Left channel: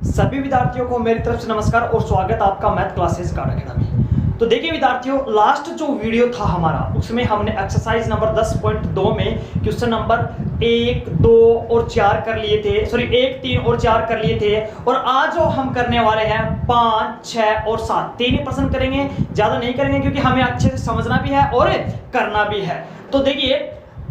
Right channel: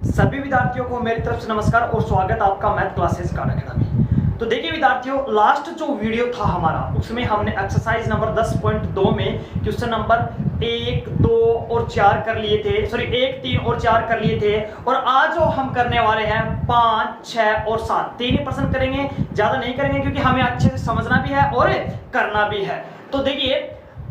सभी विद्यार्थियों को मेरी तरफ से नमस्कार और स्वागत आपका मैथ क्लासेस कार्ड अकेडमी। तो देखिए विद्यार्थियों, लास्ट जो वीडियो था हमारा उसमें हमने एक्सरसाइज नंबर 10.2 में क्वेश्चन नंबर 1, 2 और 4 कर लिए थे, सॉरी 1, 3 और 4 कर लिए थे। और आज जो हम करने वाले हैं 5, 6 और 7 तीन ही प्रश्न करेंगे, ज्यादा नहीं करेंगे क्योंकि हमें अच्छे से समझना भी है और करना भी है। तो देखिए,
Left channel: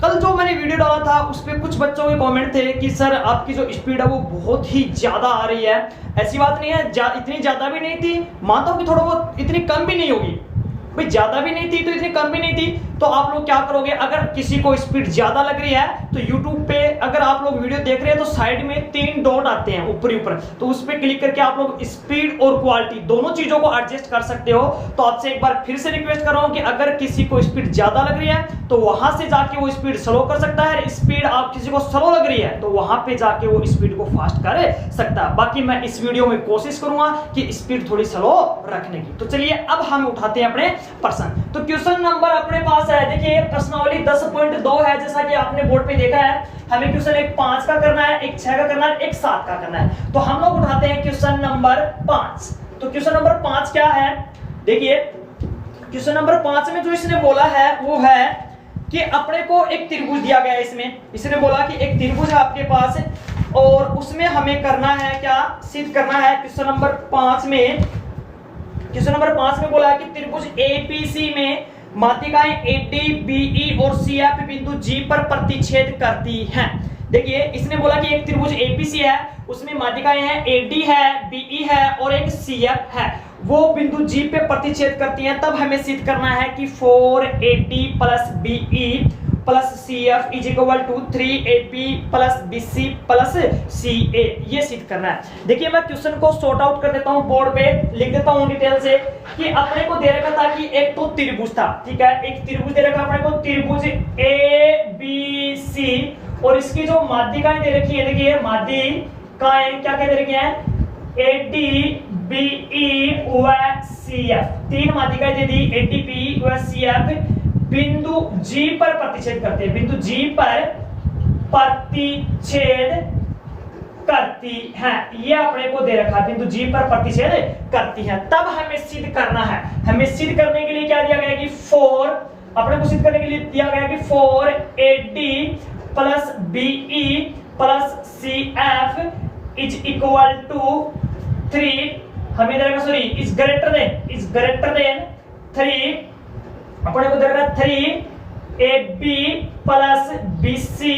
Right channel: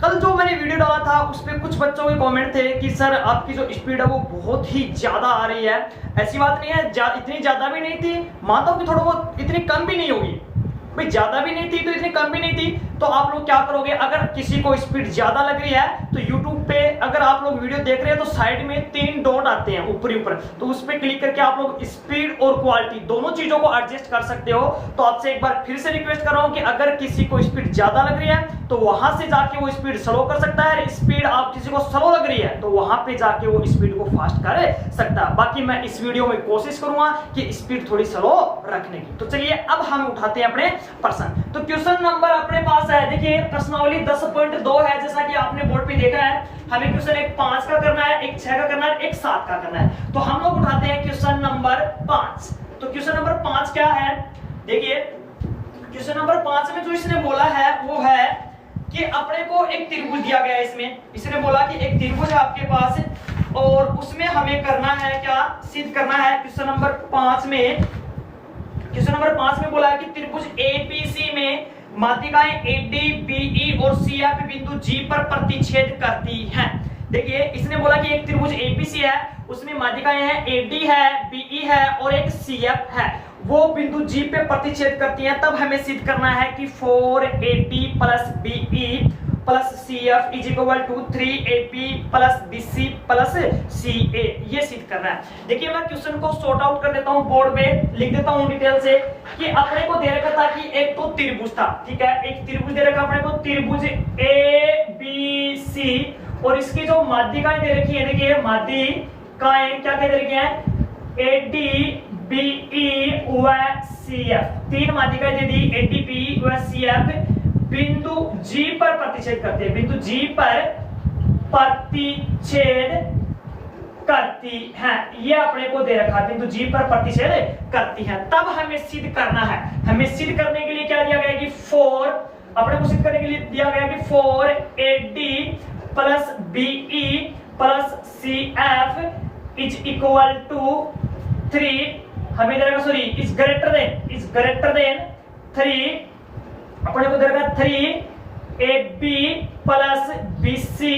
कल जो मैंने वीडियो डाला था उस पर कुछ बच्चों के कमेंट थे कि सर आपकी जो स्पीड है वो बहुत ही ज्यादा आ रही है। ऐसी बात नहीं है, इतनी ज्यादा भी नहीं थी, मानता हूं कि थोड़ा बहुत इतनी कम भी नहीं होगी भाई, ज्यादा भी नहीं थी तो इतनी कम भी नहीं थी। तो आप लोग क्या करोगे, अगर किसी को स्पीड ज्यादा लग रही है तो YouTube पे अगर आप लोग वीडियो देख रहे हैं तो साइड में 3 डॉट आते हैं ऊपर ऊपर, तो उस पर क्लिक करके आप लोग स्पीड और क्वालिटी दोनों चीजों को एडजस्ट कर सकते हो। तो आपसे एक बार फिर से रिक्वेस्ट कर रहा हूं कि अगर किसी को स्पीड ज्यादा लग रही है तो वहां से जाके वो स्पीड स्लो कर सकता है, स्पीड आप किसी को स्लो लग रही है तो वहां पे जाके वो स्पीड को फास्ट कर सकता है। बाकी मैं इस वीडियो में कोशिश करूंगा कि स्पीड थोड़ी स्लो रखने की। तो चलिए अब हम उठाते हैं अपने प्रश्न। तो क्वेश्चन नंबर अपने पास है, देखिए प्रश्नावली 10.2 है, जैसा कि आपने बोर्ड पे देखा है। हमें क्वेश्चन एक 5 का करना है, एक 6 का करना है, एक 7 का करना है। तो हम लोग उठाते हैं क्वेश्चन नंबर 5। तो क्वेश्चन नंबर 5 क्या है, देखिए क्वेश्चन नंबर 5 में जो इसने बोला है वो है कि अपने को एक त्रिभुज दिया गया है। इसमें इसने बोला कि एक त्रिभुज है आपके पास और उसमें हमें करना है क्या, सिद्ध करना है। क्वेश्चन नंबर 5 में बोला है कि त्रिभुज एपीसी में माध्यिकाएं एडी, बीई और सीएफ बिंदु जी पर प्रतिच्छेद करती हैं। देखिए इसने बोला कि एक त्रिभुज एपीसी है, उसमें माध्यिकाएं हैं एडी है, बीई है और एक सीएफ है, वो बिंदु जी पे प्रतिच्छेद करती हैं। तब हमें सिद्ध करना है कि 4AD plus BE plus CF is equal to 3AP plus BC plus CA, ये सिद्ध करना है। देखिए मैं क्वेश्चन को सॉर्ट आउट कर देता हूं, बोर्ड पे लिख देता हूं डिटेल से कि अपने को दे रखा था कि एक तो त्रिभुज था, ठीक है, एक त्रिभुज दे रखा अपने को, त्रिभुज ABC और इसकी जो माध्यिकाएं दे रखी है, देखिए माध्यिकाएं क्या क्या दे रखी है, AD, BE व CF, तीन माध्यिकाएं दे दी, AD, BE व CF बिंदु जी पर प्रतिच्छेद करते हैं, बिंदु जी पर प्रतिच्छेद करती है, ये अपने को दे रखा है, बिंदु जी पर प्रतिच्छेद करती है। तब हमें सिद्ध करना है, हमें सिद्ध करने के लिए क्या दिया गया कि 4, अपने को सिद्ध करने के लिए दिया गया कि 4AD plus BE plus CF is equal to 3, हमें दे रखा, सॉरी इज ग्रेटर देन 3, अपने को देगा 3AB प्लस BC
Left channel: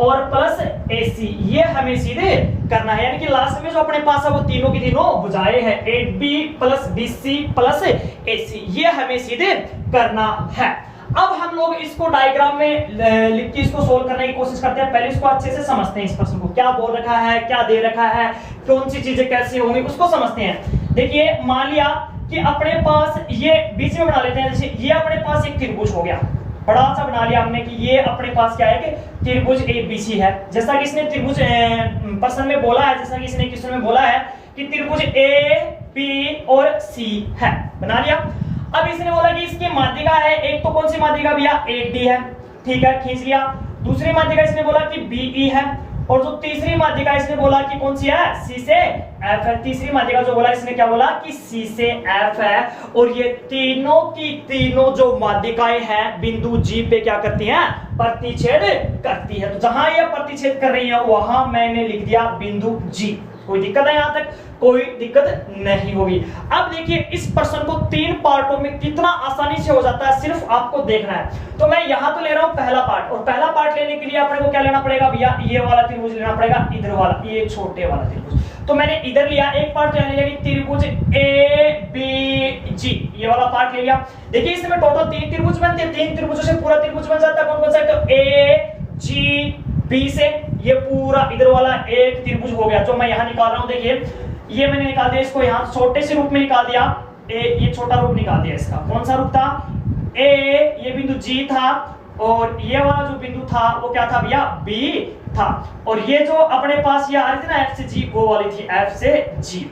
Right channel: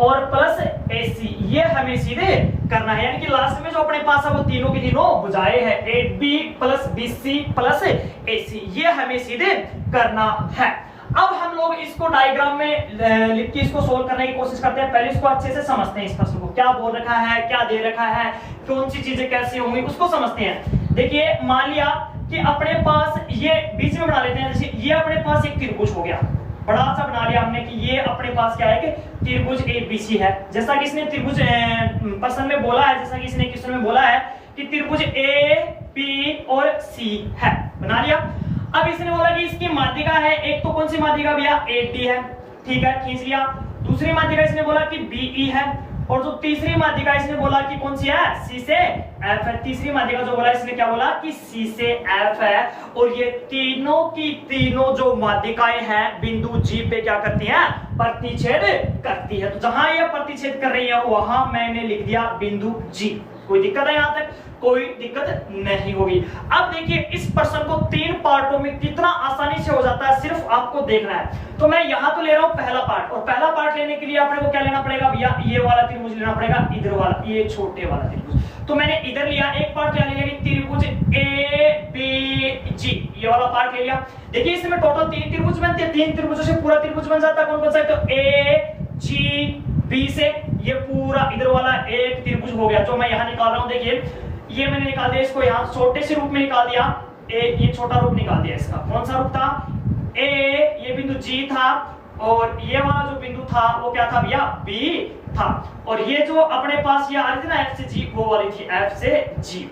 और प्लस AC, ये हमें सीधे करना है। यानी कि लास्ट में जो अपने पास है वो तीनों की तीनों भुजाएं हैं, AB plus BC plus AC, ये हमें सीधे करना है। अब हम लोग इसको डायग्राम में लिख के इसको सोल्व करने की कोशिश करते हैं। पहले इसको अच्छे से समझते हैं, इस प्रश्न को क्या बोल रखा है, क्या दे रखा है, कौन सी चीजें कैसे होंगी उसको समझते हैं। देखिए मान लिया कि अपने पास ये बीच में बना लेते हैं, जैसे ये अपने पास एक त्रिभुज हो गया, बड़ा सा बना लिया हमने कि ये अपने पास क्या है कि त्रिभुज ABC है, जैसा कि इसने त्रिभुज प्रश्न में बोला है, जैसा कि इसने क्वेश्चन में बोला है कि त्रिभुज AB और C है, बना लिया। अब इसने बोला कि इसकी माध्यिका है, एक तो कौन सी माध्यिका भैया, AD है, ठीक है, खींच लिया। दूसरी माध्यिका इसने बोला कि BE है और जो तीसरी माध्यिका इसने बोला कि कौन सी है, C से F है। तीसरी माध्यिका जो बोला इसने क्या बोला कि C से F है और ये तीनों की तीनों जो माध्यिकाएं हैं बिंदु G पे क्या करती हैं, प्रतिच्छेद करती है। तो जहां ये प्रतिच्छेद कर रही है वहां मैंने लिख दिया बिंदु G। कोई दिक्कत है, यहां तक कोई दिक्कत नहीं होगी। अब देखिए इस प्रश्न को 3 पार्टों में कितना आसानी से हो जाता है, सिर्फ आपको देखना है। तो मैं यहां तो ले रहा हूं पहला पार्ट, और पहला पार्ट लेने के लिए अपने को क्या लेना पड़ेगा भैया, ये वाला त्रिभुज लेना पड़ेगा, इधर वाला, ये छोटे वाला त्रिभुज। तो मैंने इधर लिया एक पार्ट, क्या लिया कि त्रिभुज ABG, ये वाला पार्ट ले लिया। देखिए इसमें टोटल 3 त्रिभुज बनते हैं, 3 त्रिभुजों से पूरा त्रिभुज बन जाता है। कौन कौन सा, तो AGB से ये पूरा इधर वाला एक त्रिभुज हो गया जो मैं यहां निकाल रहा हूं। देखिए ये मैंने निकाल दिया, इसको यहाँ छोटे से रूप में निकाल दिया, ये छोटा रूप निकाल दिया इसका। कौन सा रूप था, A, ये बिंदु G था और ये वाला जो बिंदु था वो क्या था भैया, B था। और ये जो अपने पास ये आ रही थी ना F से G, वो वाली थी F से G,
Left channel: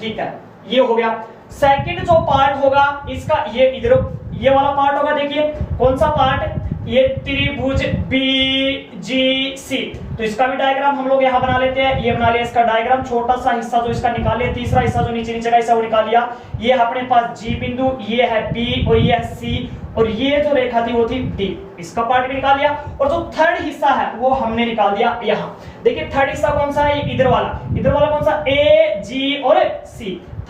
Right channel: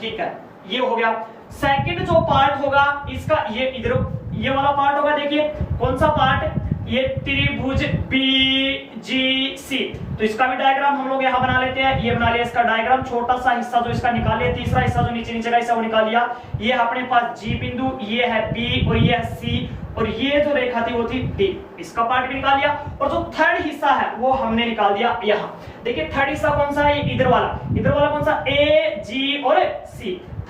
ठीक है, ये हो गया। सेकंड जो पार्ट होगा इसका, ये इधर ये वाला पार्ट होगा। देखिए कौन सा पार्ट, ये त्रिभुज BGC, तो इसका भी डायग्राम हम लोग यहाँ बना लेते हैं। ये बना लिया इसका डायग्राम, छोटा सा हिस्सा जो इसका निकाल लिया, तीसरा हिस्सा जो नीचे नीचे का हिस्सा वो निकाल लिया। ये अपने पास G बिंदु, ये है B और ये है C, और ये जो रेखा थी वो थी D, इसका पार्ट भी निकाल लिया। और जो थर्ड हिस्सा है वो हमने निकाल दिया यहाँ। देखिए थर्ड हिस्सा कौन सा है, इधर वाला कौन सा, A, G और C,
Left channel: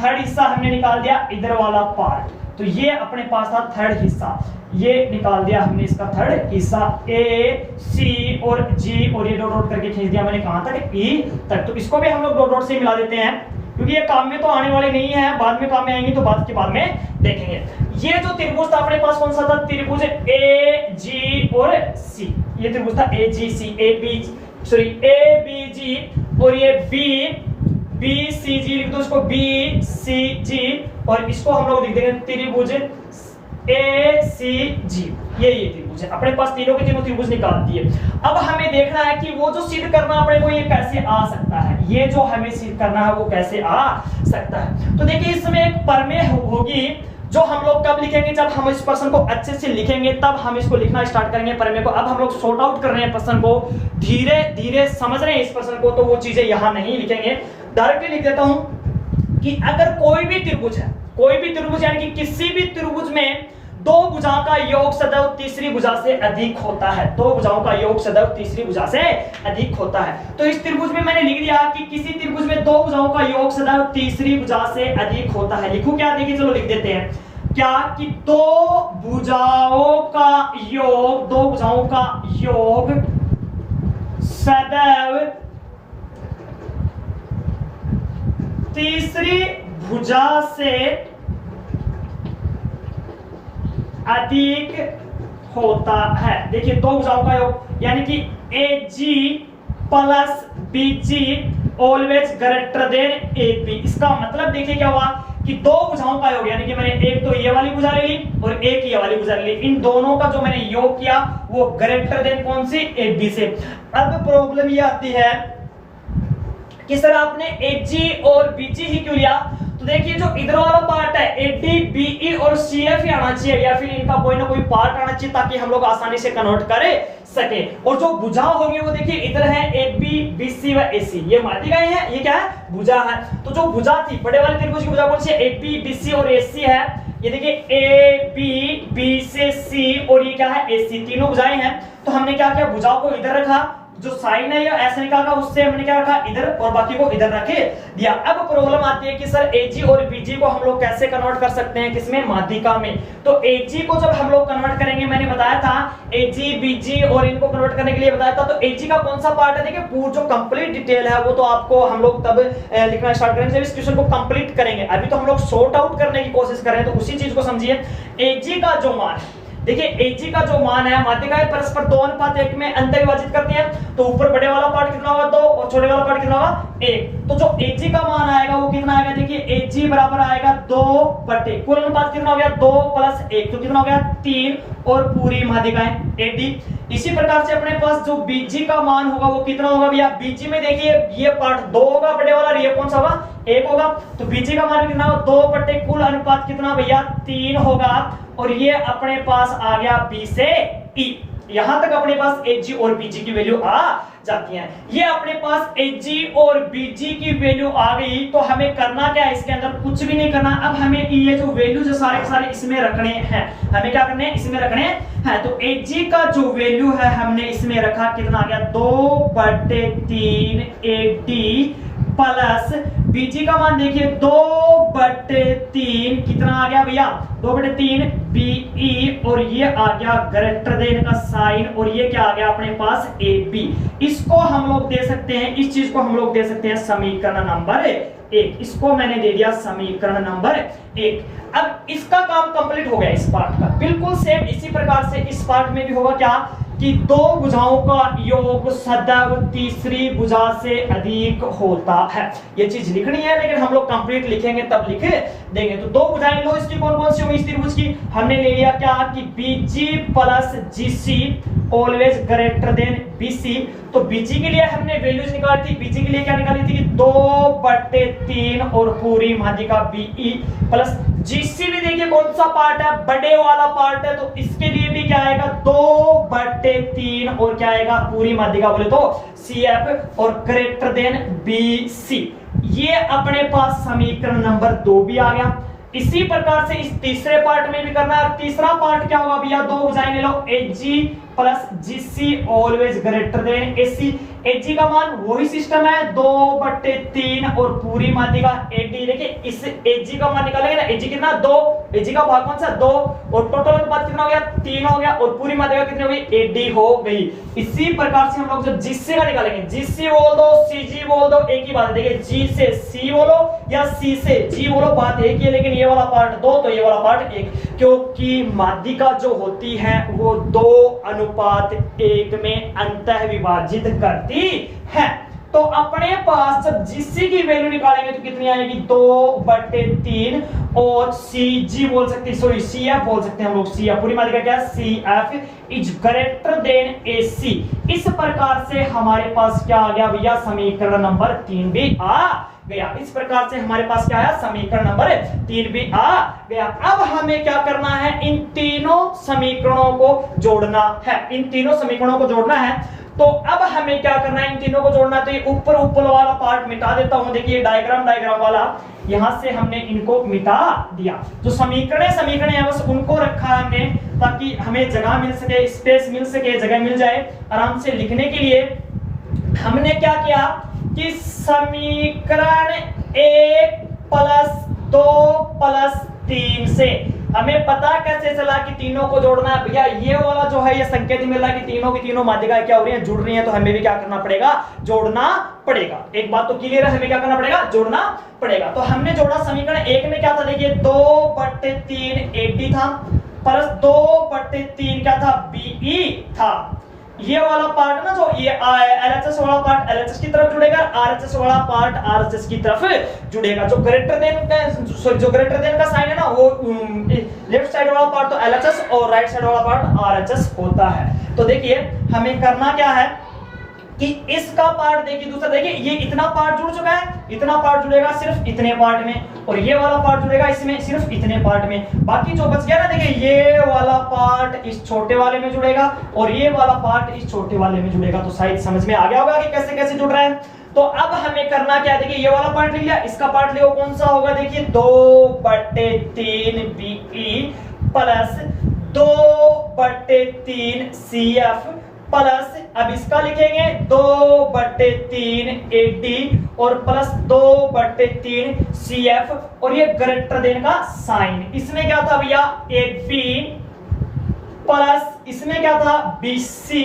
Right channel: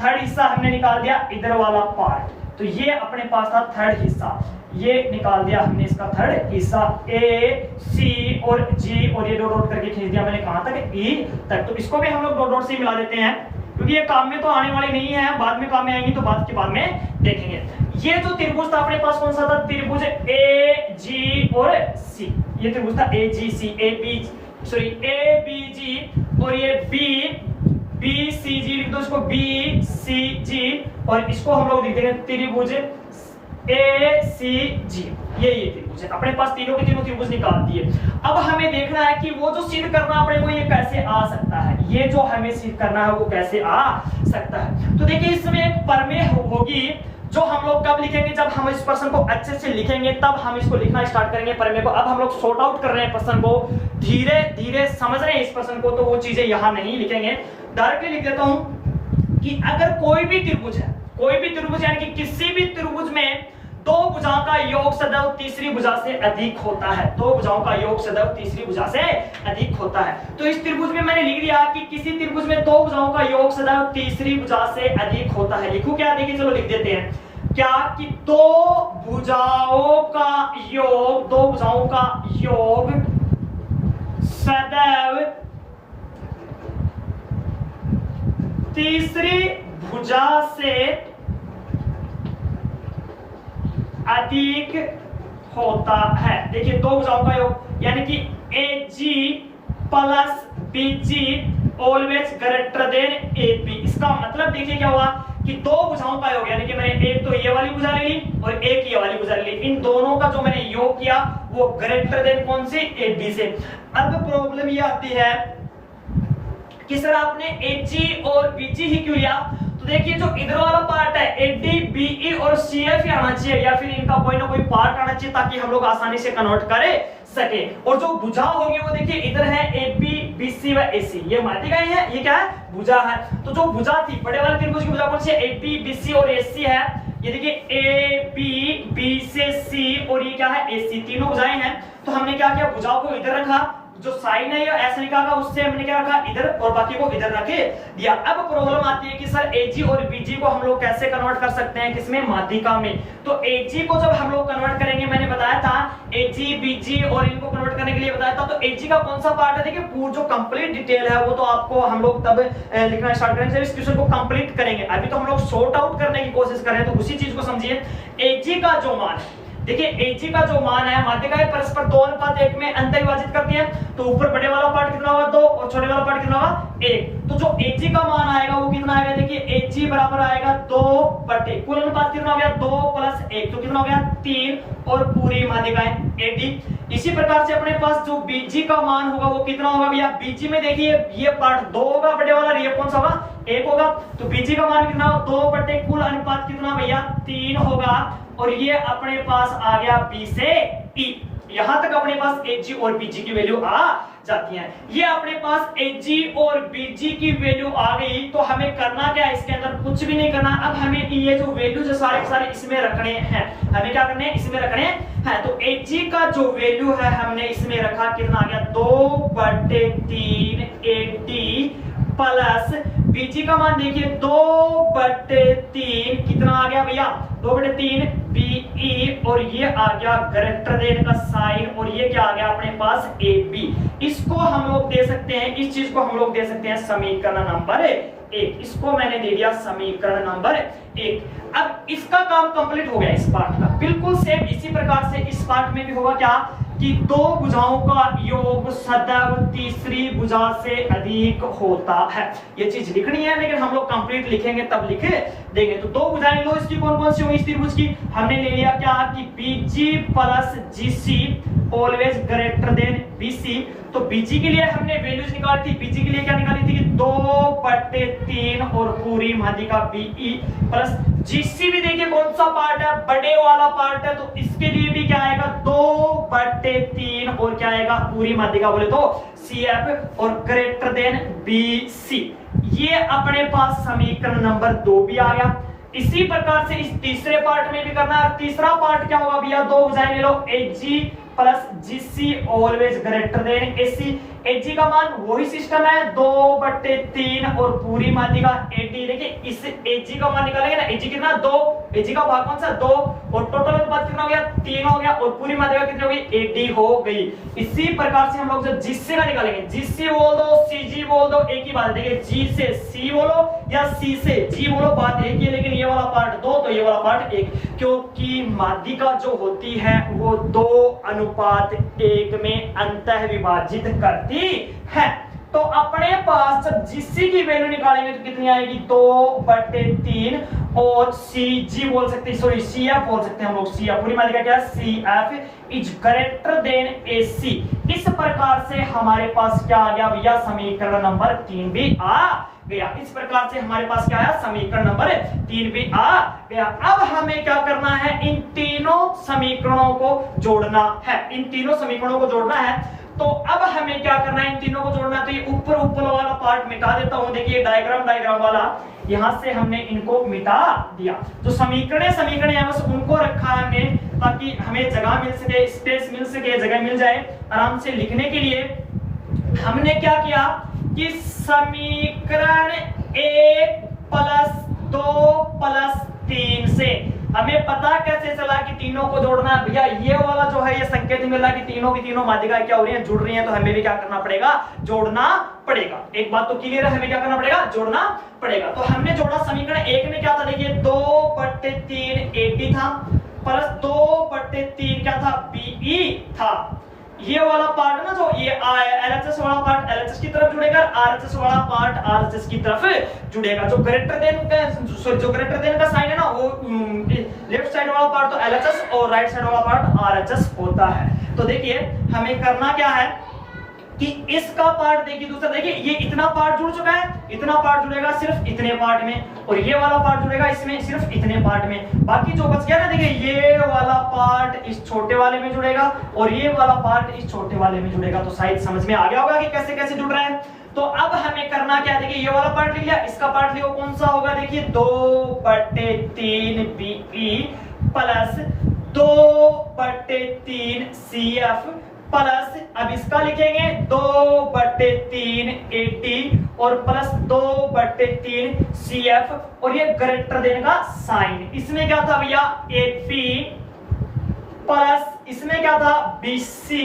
थर्ड हिस्सा हमने निकाल दिया इधर वाला पार्ट। तो ये अपने पास था थर्ड हिस्सा, ये निकाल दिया हमने इसका थर्ड हिस्सा, A, C और G, और ये डॉट डॉट करके खींच दिया मैंने कहां तक, E तक। तो इसको भी हम लोग डॉट डॉट से मिला देते हैं, क्योंकि ये काम में तो आने वाले नहीं है, बाद में काम में आएंगी, तो बाद के बाद में देखेंगे। ये जो त्रिभुज था अपने पास कौन सा था, त्रिभुज AG और C, ये त्रिभुज था AGC, ABG, और ये BCG लिख दो इसको, BCG, और इसको हम लोग लिख देंगे त्रिभुज ACG। ये त्रिभुज है अपने पास, तीनों के तीनों त्रिभुज निकाल दिए। अब हमें देखना है कि वो जो सिद्ध करना अपने को ये कैसे आ सकता है, ये जो हमें सिद्ध करना है वो कैसे आ सकता है। तो देखिए इसमें एक प्रमेय होगी जो हम लोग कब लिखेंगे, जब हम इस प्रश्न को अच्छे से लिखेंगे तब हम इसको लिखना स्टार्ट करेंगे प्रमेय को। अब हम लोग सॉर्ट आउट कर रहे हैं प्रश्न को, धीरे धीरे समझ रहे हैं इस प्रश्न को, तो वो चीजें यहां नहीं लिखेंगे, डायरेक्टली लिख देता हूं कि अगर कोई भी त्रिभुज है, यानी कि किसी भी त्रिभुज में दो भुजाओं का योग सदैव तीसरी भुजा से अधिक होता है, दो भुजाओं का योग सदैव तीसरी भुजा से अधिक होता है। तो इस त्रिभुज में मैंने लिख दिया कि किसी त्रिभुज में दो भुजाओं का योग सदैव तीसरी भुजा से अधिक होता है। लिखूं क्या, देखिए चलो लिख देते हैं क्या, कि दो भुजाओं का योग सदैव तीसरी भुजा से अधिक होता है। देखिए दो भुजाओं का योग, यानी कि AG plus BG always greater than AB। इसका मतलब देखिए क्या हुआ कि दो भुजाओं का योग, यानी कि मैंने एक तो ये वाली भुजा ले ली और एक ये वाली भुजा ले ली, इन दोनों का जो मैंने योग किया वो ग्रेटर देन कौन सी, AB से। अब प्रॉब्लम ये आती है कि सर आपने AG और BG ही क्यों लिया, तो देखिए जो इधर वाला पार्ट है AD, BE और CF ही आना चाहिए, या फिर इनका कोई ना कोई पार्ट आना चाहिए ताकि हम लोग आसानी से कन्वर्ट कर सके। और जो भुजा होगी वो देखिए इधर है AB, BC व AC, ये माध्यिका है, ये क्या है, भुजा है। तो जो भुजा थी बड़े वाले त्रिभुज की भुजा कौन सी है, AP, BC और AC है। ये देखिए AB, B से C और ये क्या है, AC, तीनों भुजाएं हैं। तो हमने क्या किया, भुजाओं को इधर रखा, जो साइन है या ऐसे लिखा था उससे हमने क्या रखा, इधर, और बाकी को इधर रखे दिया। अब प्रॉब्लम आती है कि सर AG और BG को हम लोग कैसे कन्वर्ट कर सकते हैं, किसमें, माध्यिका में। तो AG को जब हम लोग कन्वर्ट करेंगे, मैंने बताया था AG, BG और इनको कन्वर्ट करने के लिए बताया था, तो AG का कौन सा पार्ट है, देखिए पूरा जो कंप्लीट डिटेल है वो तो आपको हम लोग तब लिखना स्टार्ट करेंगे जब इस क्वेश्चन को कंप्लीट करेंगे। अभी तो हम लोग सॉर्ट आउट करने की कोशिश कर रहे हैं, तो उसी चीज को समझिए। AG का जो मान है, देखिए AG का जो मान है, माध्यिकाएं परस्पर 2:1 में अंतर विभाजित करती हैं, तो ऊपर बड़े वाला पार्ट कितना होगा 2 और छोटे वाला पार्ट कितना होगा 1। तो जो AG का मान आएगा वो कितना आएगा, देखिए AG बराबर आएगा 2 कुल अनुपात कितना हो गया 2 + 1, तो कितना हो गया 3, और पूरी माध्यिकाएं AD। इसी प्रकार से अपने पास जो BG का मान होगा वो कितना होगा भैया, BG में देखिए ये पार्ट 2 होगा बड़े वाला, ये कौन सा होगा 1 होगा, तो BG का मान कितना होगा 2 कुल अनुपात कितना भैया 3 होगा, और ये अपने पास आ गया B से E। यहां तक अपने पास AG और BG की वैल्यू आ जाती है। ये अपने पास AG और BG की वैल्यू आ गई, तो हमें करना क्या है, इसके अंदर कुछ भी नहीं करना। अब हमें ये जो वैल्यू जो सारे सारे इसमें रखने हैं, हमें क्या करने हैं, इसमें रखने हैं। तो AG का जो वैल्यू है हमने इसमें रखा, कितना आ गया 2/3 AD प्लस BG का मान देखिए 2/3 कितना आ गया भैया 2/3 BE, और ये आ गया ग्रेटर देन का साइन, और ये क्या आ गया अपने पास AB। इसको हम लोग दे सकते हैं, इस चीज को हम लोग दे सकते हैं समीकरण नंबर 1। इसको मैंने दे दिया समीकरण नंबर 1। अब इसका काम कंप्लीट हो गया इस पार्ट का। बिल्कुल सेम इसी प्रकार से इस पार्ट में भी होगा क्या, कि दो भुजाओं का योग सदैव तीसरी भुजा से अधिक होता है। ये चीज लिखनी है, लेकिन हम लोग कंप्लीट लिखेंगे तब लिख देंगे। तो दो भुजाएं लो, इसकी कौन कौन सी होंगी इस त्रिभुज की, हमने ले लिया क्या कि BG plus GC always greater than BC। तो BG के लिए हमने वैल्यूज निकाली थी, BG के लिए क्या निकाली थी कि 2/3 और पूरी माध्यिका BE प्लस GC भी देखिए कौन सा पार्ट है, बड़े वाला पार्ट है, तो इसके लिए भी क्या आएगा 2/3 और क्या आएगा पूरी माध्यिका बोले तो CF और ग्रेटर देन BC। ये अपने पास समीकरण नंबर 2 भी आ गया। इसी प्रकार से इस तीसरे पार्ट में भी करना है। तीसरा पार्ट क्या होगा भैया, 2 भुजाएं ले लो, AG plus GC always greater than AC। AG का मान वही सिस्टम है 2/3 और पूरी माध्यिका AD। देखिए इस AG का मान निकालेंगे ना, AG कितना 2, AG का भाग कौन सा 2 और टोटल अनुपात कितना हो गया 3 हो गया और पूरी माध्यिका कितनी हो गई AD हो गई। इसी प्रकार से हम लोग जब GC का निकालेंगे, GC बोल दो CG बोल दो, एक ही बात है। देखिए G से C बोलो या C से G बोलो, बात एक ही है, लेकिन ये वाला पार्ट 2 तो ये वाला पार्ट 1, क्योंकि माध्यिका जो होती है वो 2:1 में अंतः विभाजित करती है। तो अपने पास जब GC की वैल्यू निकालेंगे तो कितनी आएगी 2/3 और CG बोल सकते हैं, सॉरी CF बोल सकते हैं हम लोग, CF पूरी माध्यिका क्या है CF is greater than AC। इस प्रकार से हमारे पास क्या आ गया भैया समीकरण नंबर 3 भी आ गया। इस प्रकार से हमारे पास क्या आया समीकरण नंबर 3 भी आ गया। अब हमें क्या करना है, इन तीनों समीकरणों को जोड़ना है, इन तीनों समीकरणों को जोड़ना है। तो अब हमें क्या करना है, इन तीनों को जोड़ना। तो ये ऊपर वाला पार्ट मिटा देता हूं, देखिए डायग्राम वाला यहां से हमने इनको मिटा दिया। जो समीकरण यहां बस उनको रखा है हमने, ताकि हमें जगह मिल सके, स्पेस मिल सके, जगह मिल जाए आराम से लिखने के लिए। हमने क्या किया कि समीकरण 1 + 2 + 3 से हमें पता कैसे चला कि तीनों को जोड़ना है भैया। ये वाला जो है ये संकेत मिल रहा है कि तीनों की तीनों माध्यिका क्या हो रही है, जुड़ रही है, तो हमें भी क्या करना पड़ेगा, जोड़ना पड़ेगा। एक बात तो क्लियर है, हमें क्या करना पड़ेगा, जोड़ना पड़ेगा। तो हमने जोड़ा समीकरण 1 में क्या था, देखिए 2/3 AD था प्लस 2/3 क्या था BE था। ये वाला पार्ट ना जो ये LHS वाला पार्ट LHS की तरफ जुड़ेगा, RHS वाला पार्ट RHS की तरफ जुड़ेगा। जो ग्रेटर देन का साइन है ना वो लेफ्ट साइड वाला पार्ट तो LHS और राइट साइड वाला पार्ट RHS होता है। तो देखिए हमें करना क्या है कि इसका पार्ट देखिए, दूसरा देखिए ये इतना पार्ट जुड़ चुका है, इतना पार्ट जुड़ेगा सिर्फ इतने पार्ट में, और ये वाला पार्ट जुड़ेगा इसमें सिर्फ इतने पार्ट में। बाकी जो बच गया ना, देखिए ये वाला पार्ट इस छोटे वाले में जुड़ेगा और ये वाला पार्ट इस छोटे वाले में जुड़ेगा। तो शायद समझ में आ गया होगा कि कैसे कैसे जुड़ रहे हैं। तो अब हमें करना क्या, देखिए ये वाला पार्ट ले लिया, इसका पार्ट लियो, कौन सा होगा, देखिए 2/3 BE प्लस 2/3 CF प्लस, अब इसका लिखेंगे 2/3 AD और प्लस 2/3 CF और ये ग्रेटर देन का साइन। इसमें क्या था भैया AB प्लस इसमें क्या था BC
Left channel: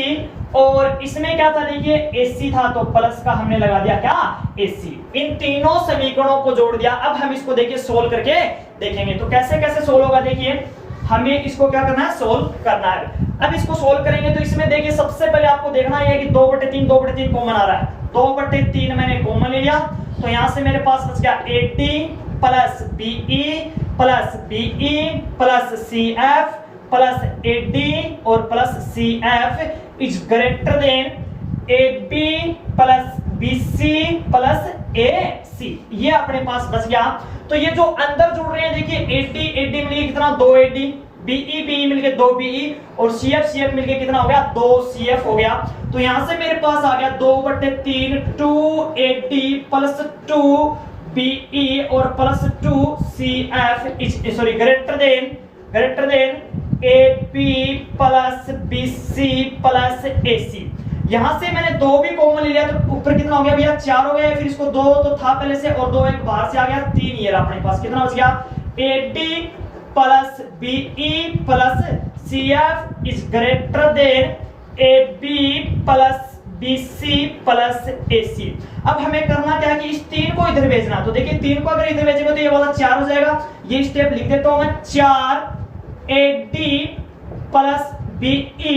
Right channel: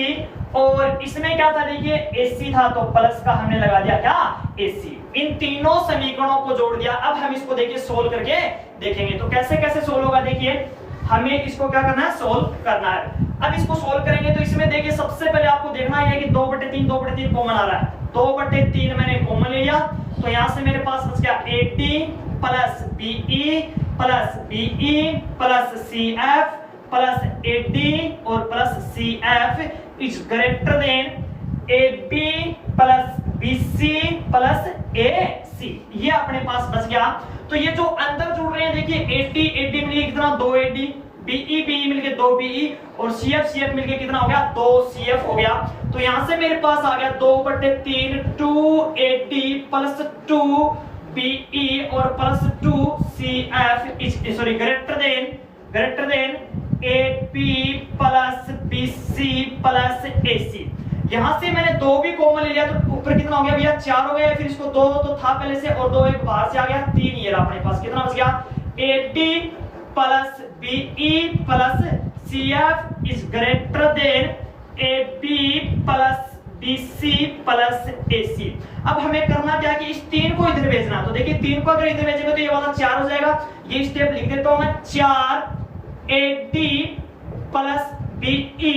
और इसमें क्या था, देखिए AC था, तो प्लस का हमने लगा दिया क्या AC। इन तीनों समीकरणों को जोड़ दिया। अब हम इसको देखिए सोल्व करके देखेंगे तो कैसे कैसे सोल्व होगा। देखिए हमें इसको क्या करना है, सोल्व करना है। अब इसको सोल्व करेंगे तो इसमें देखिए सबसे पहले आपको देखना है कि 2/3 कॉमन आ रहा है, 2/3 मैंने कॉमन ले लिया, तो यहां से मेरे पास बच गया AD plus BE plus CF plus AD और plus CF is greater than AB plus BC plus AC। ये अपने पास बच गया। तो ये जो अंदर जुड़ रहे हैं देखिए AD मिलके कितना 2AD, BE मिलके 2BE और CF मिलके कितना हो गया 2CF हो गया। तो यहां से मेरे पास आ गया 2/3 2AD प्लस 2BE और plus 2CF sorry greater than AB plus BC plus AC। यहां से मैंने 2 भी कॉमन ले लिया तो ऊपर कितना हो गया भैया 4 हो गया, फिर इसको 2 तो था पहले से और 2 एक बाहर से आ गया 3। ये अपने पास कितना बच गया AD plus BE plus CF is greater than AB plus BC plus AC। अब हमें करना क्या है कि इस 3 को इधर भेजना। तो देखिए 3 को अगर इधर भेजेंगे तो ये वाला 4 हो जाएगा। ये स्टेप लिख देता हूं मैं, 4 AD plus BE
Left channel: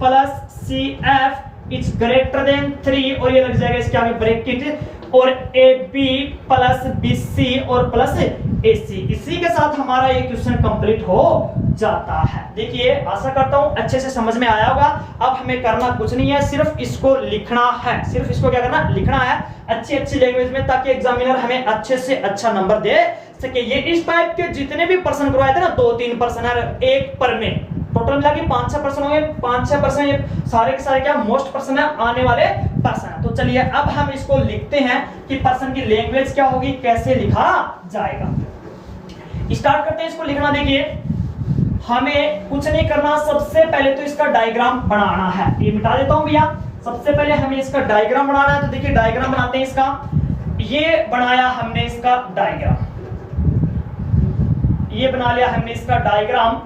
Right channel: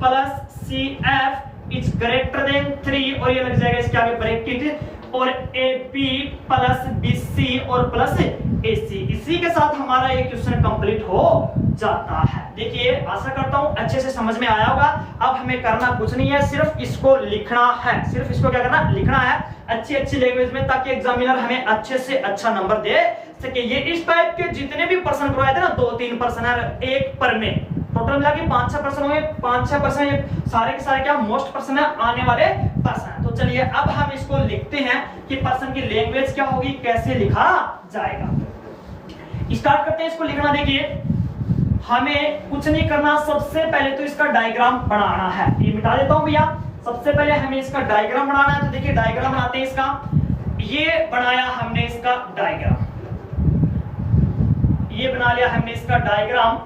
plus CF is greater than 3 और ये लग जाएगा इसके आगे ब्रैकेट और AB प्लस BC और प्लस AC। इसी के साथ हमारा ये क्वेश्चन कंप्लीट हो जाता है। देखिए आशा करता हूं अच्छे से समझ में आया होगा। अब हमें करना कुछ नहीं है, सिर्फ इसको लिखना है, सिर्फ इसको क्या करना, लिखना है अच्छी अच्छी लैंग्वेज में, ताकि एग्जामिनर हमें अच्छे से अच्छा नंबर दे सके। ये इस टाइप के जितने भी प्रश्न करवाए थे ना, 2-3 प्रश्न है एक पर में, टोटल मिला के 5-6 प्रश्न हुए, 5-6 प्रश्न सारे के सारे क्या मोस्ट प्रश्न आने वाले प्रश्न। तो चलिए अब हम इसको लिखते हैं कि प्रश्न की लैंग्वेज क्या होगी, कैसे लिखा जाएगा। स्टार्ट करते हैं इसको लिखना। देखिए हमें कुछ नहीं करना, सबसे पहले तो इसका डायग्राम बनाना है। ये मिटा देता हूं भैया। सबसे पहले हमें इसका डायग्राम बनाना है। तो देखिए डायग्राम बनाते हैं इसका। ये बनाया हमने इसका डायग्राम, ये बना लिया हमने इसका डायग्राम।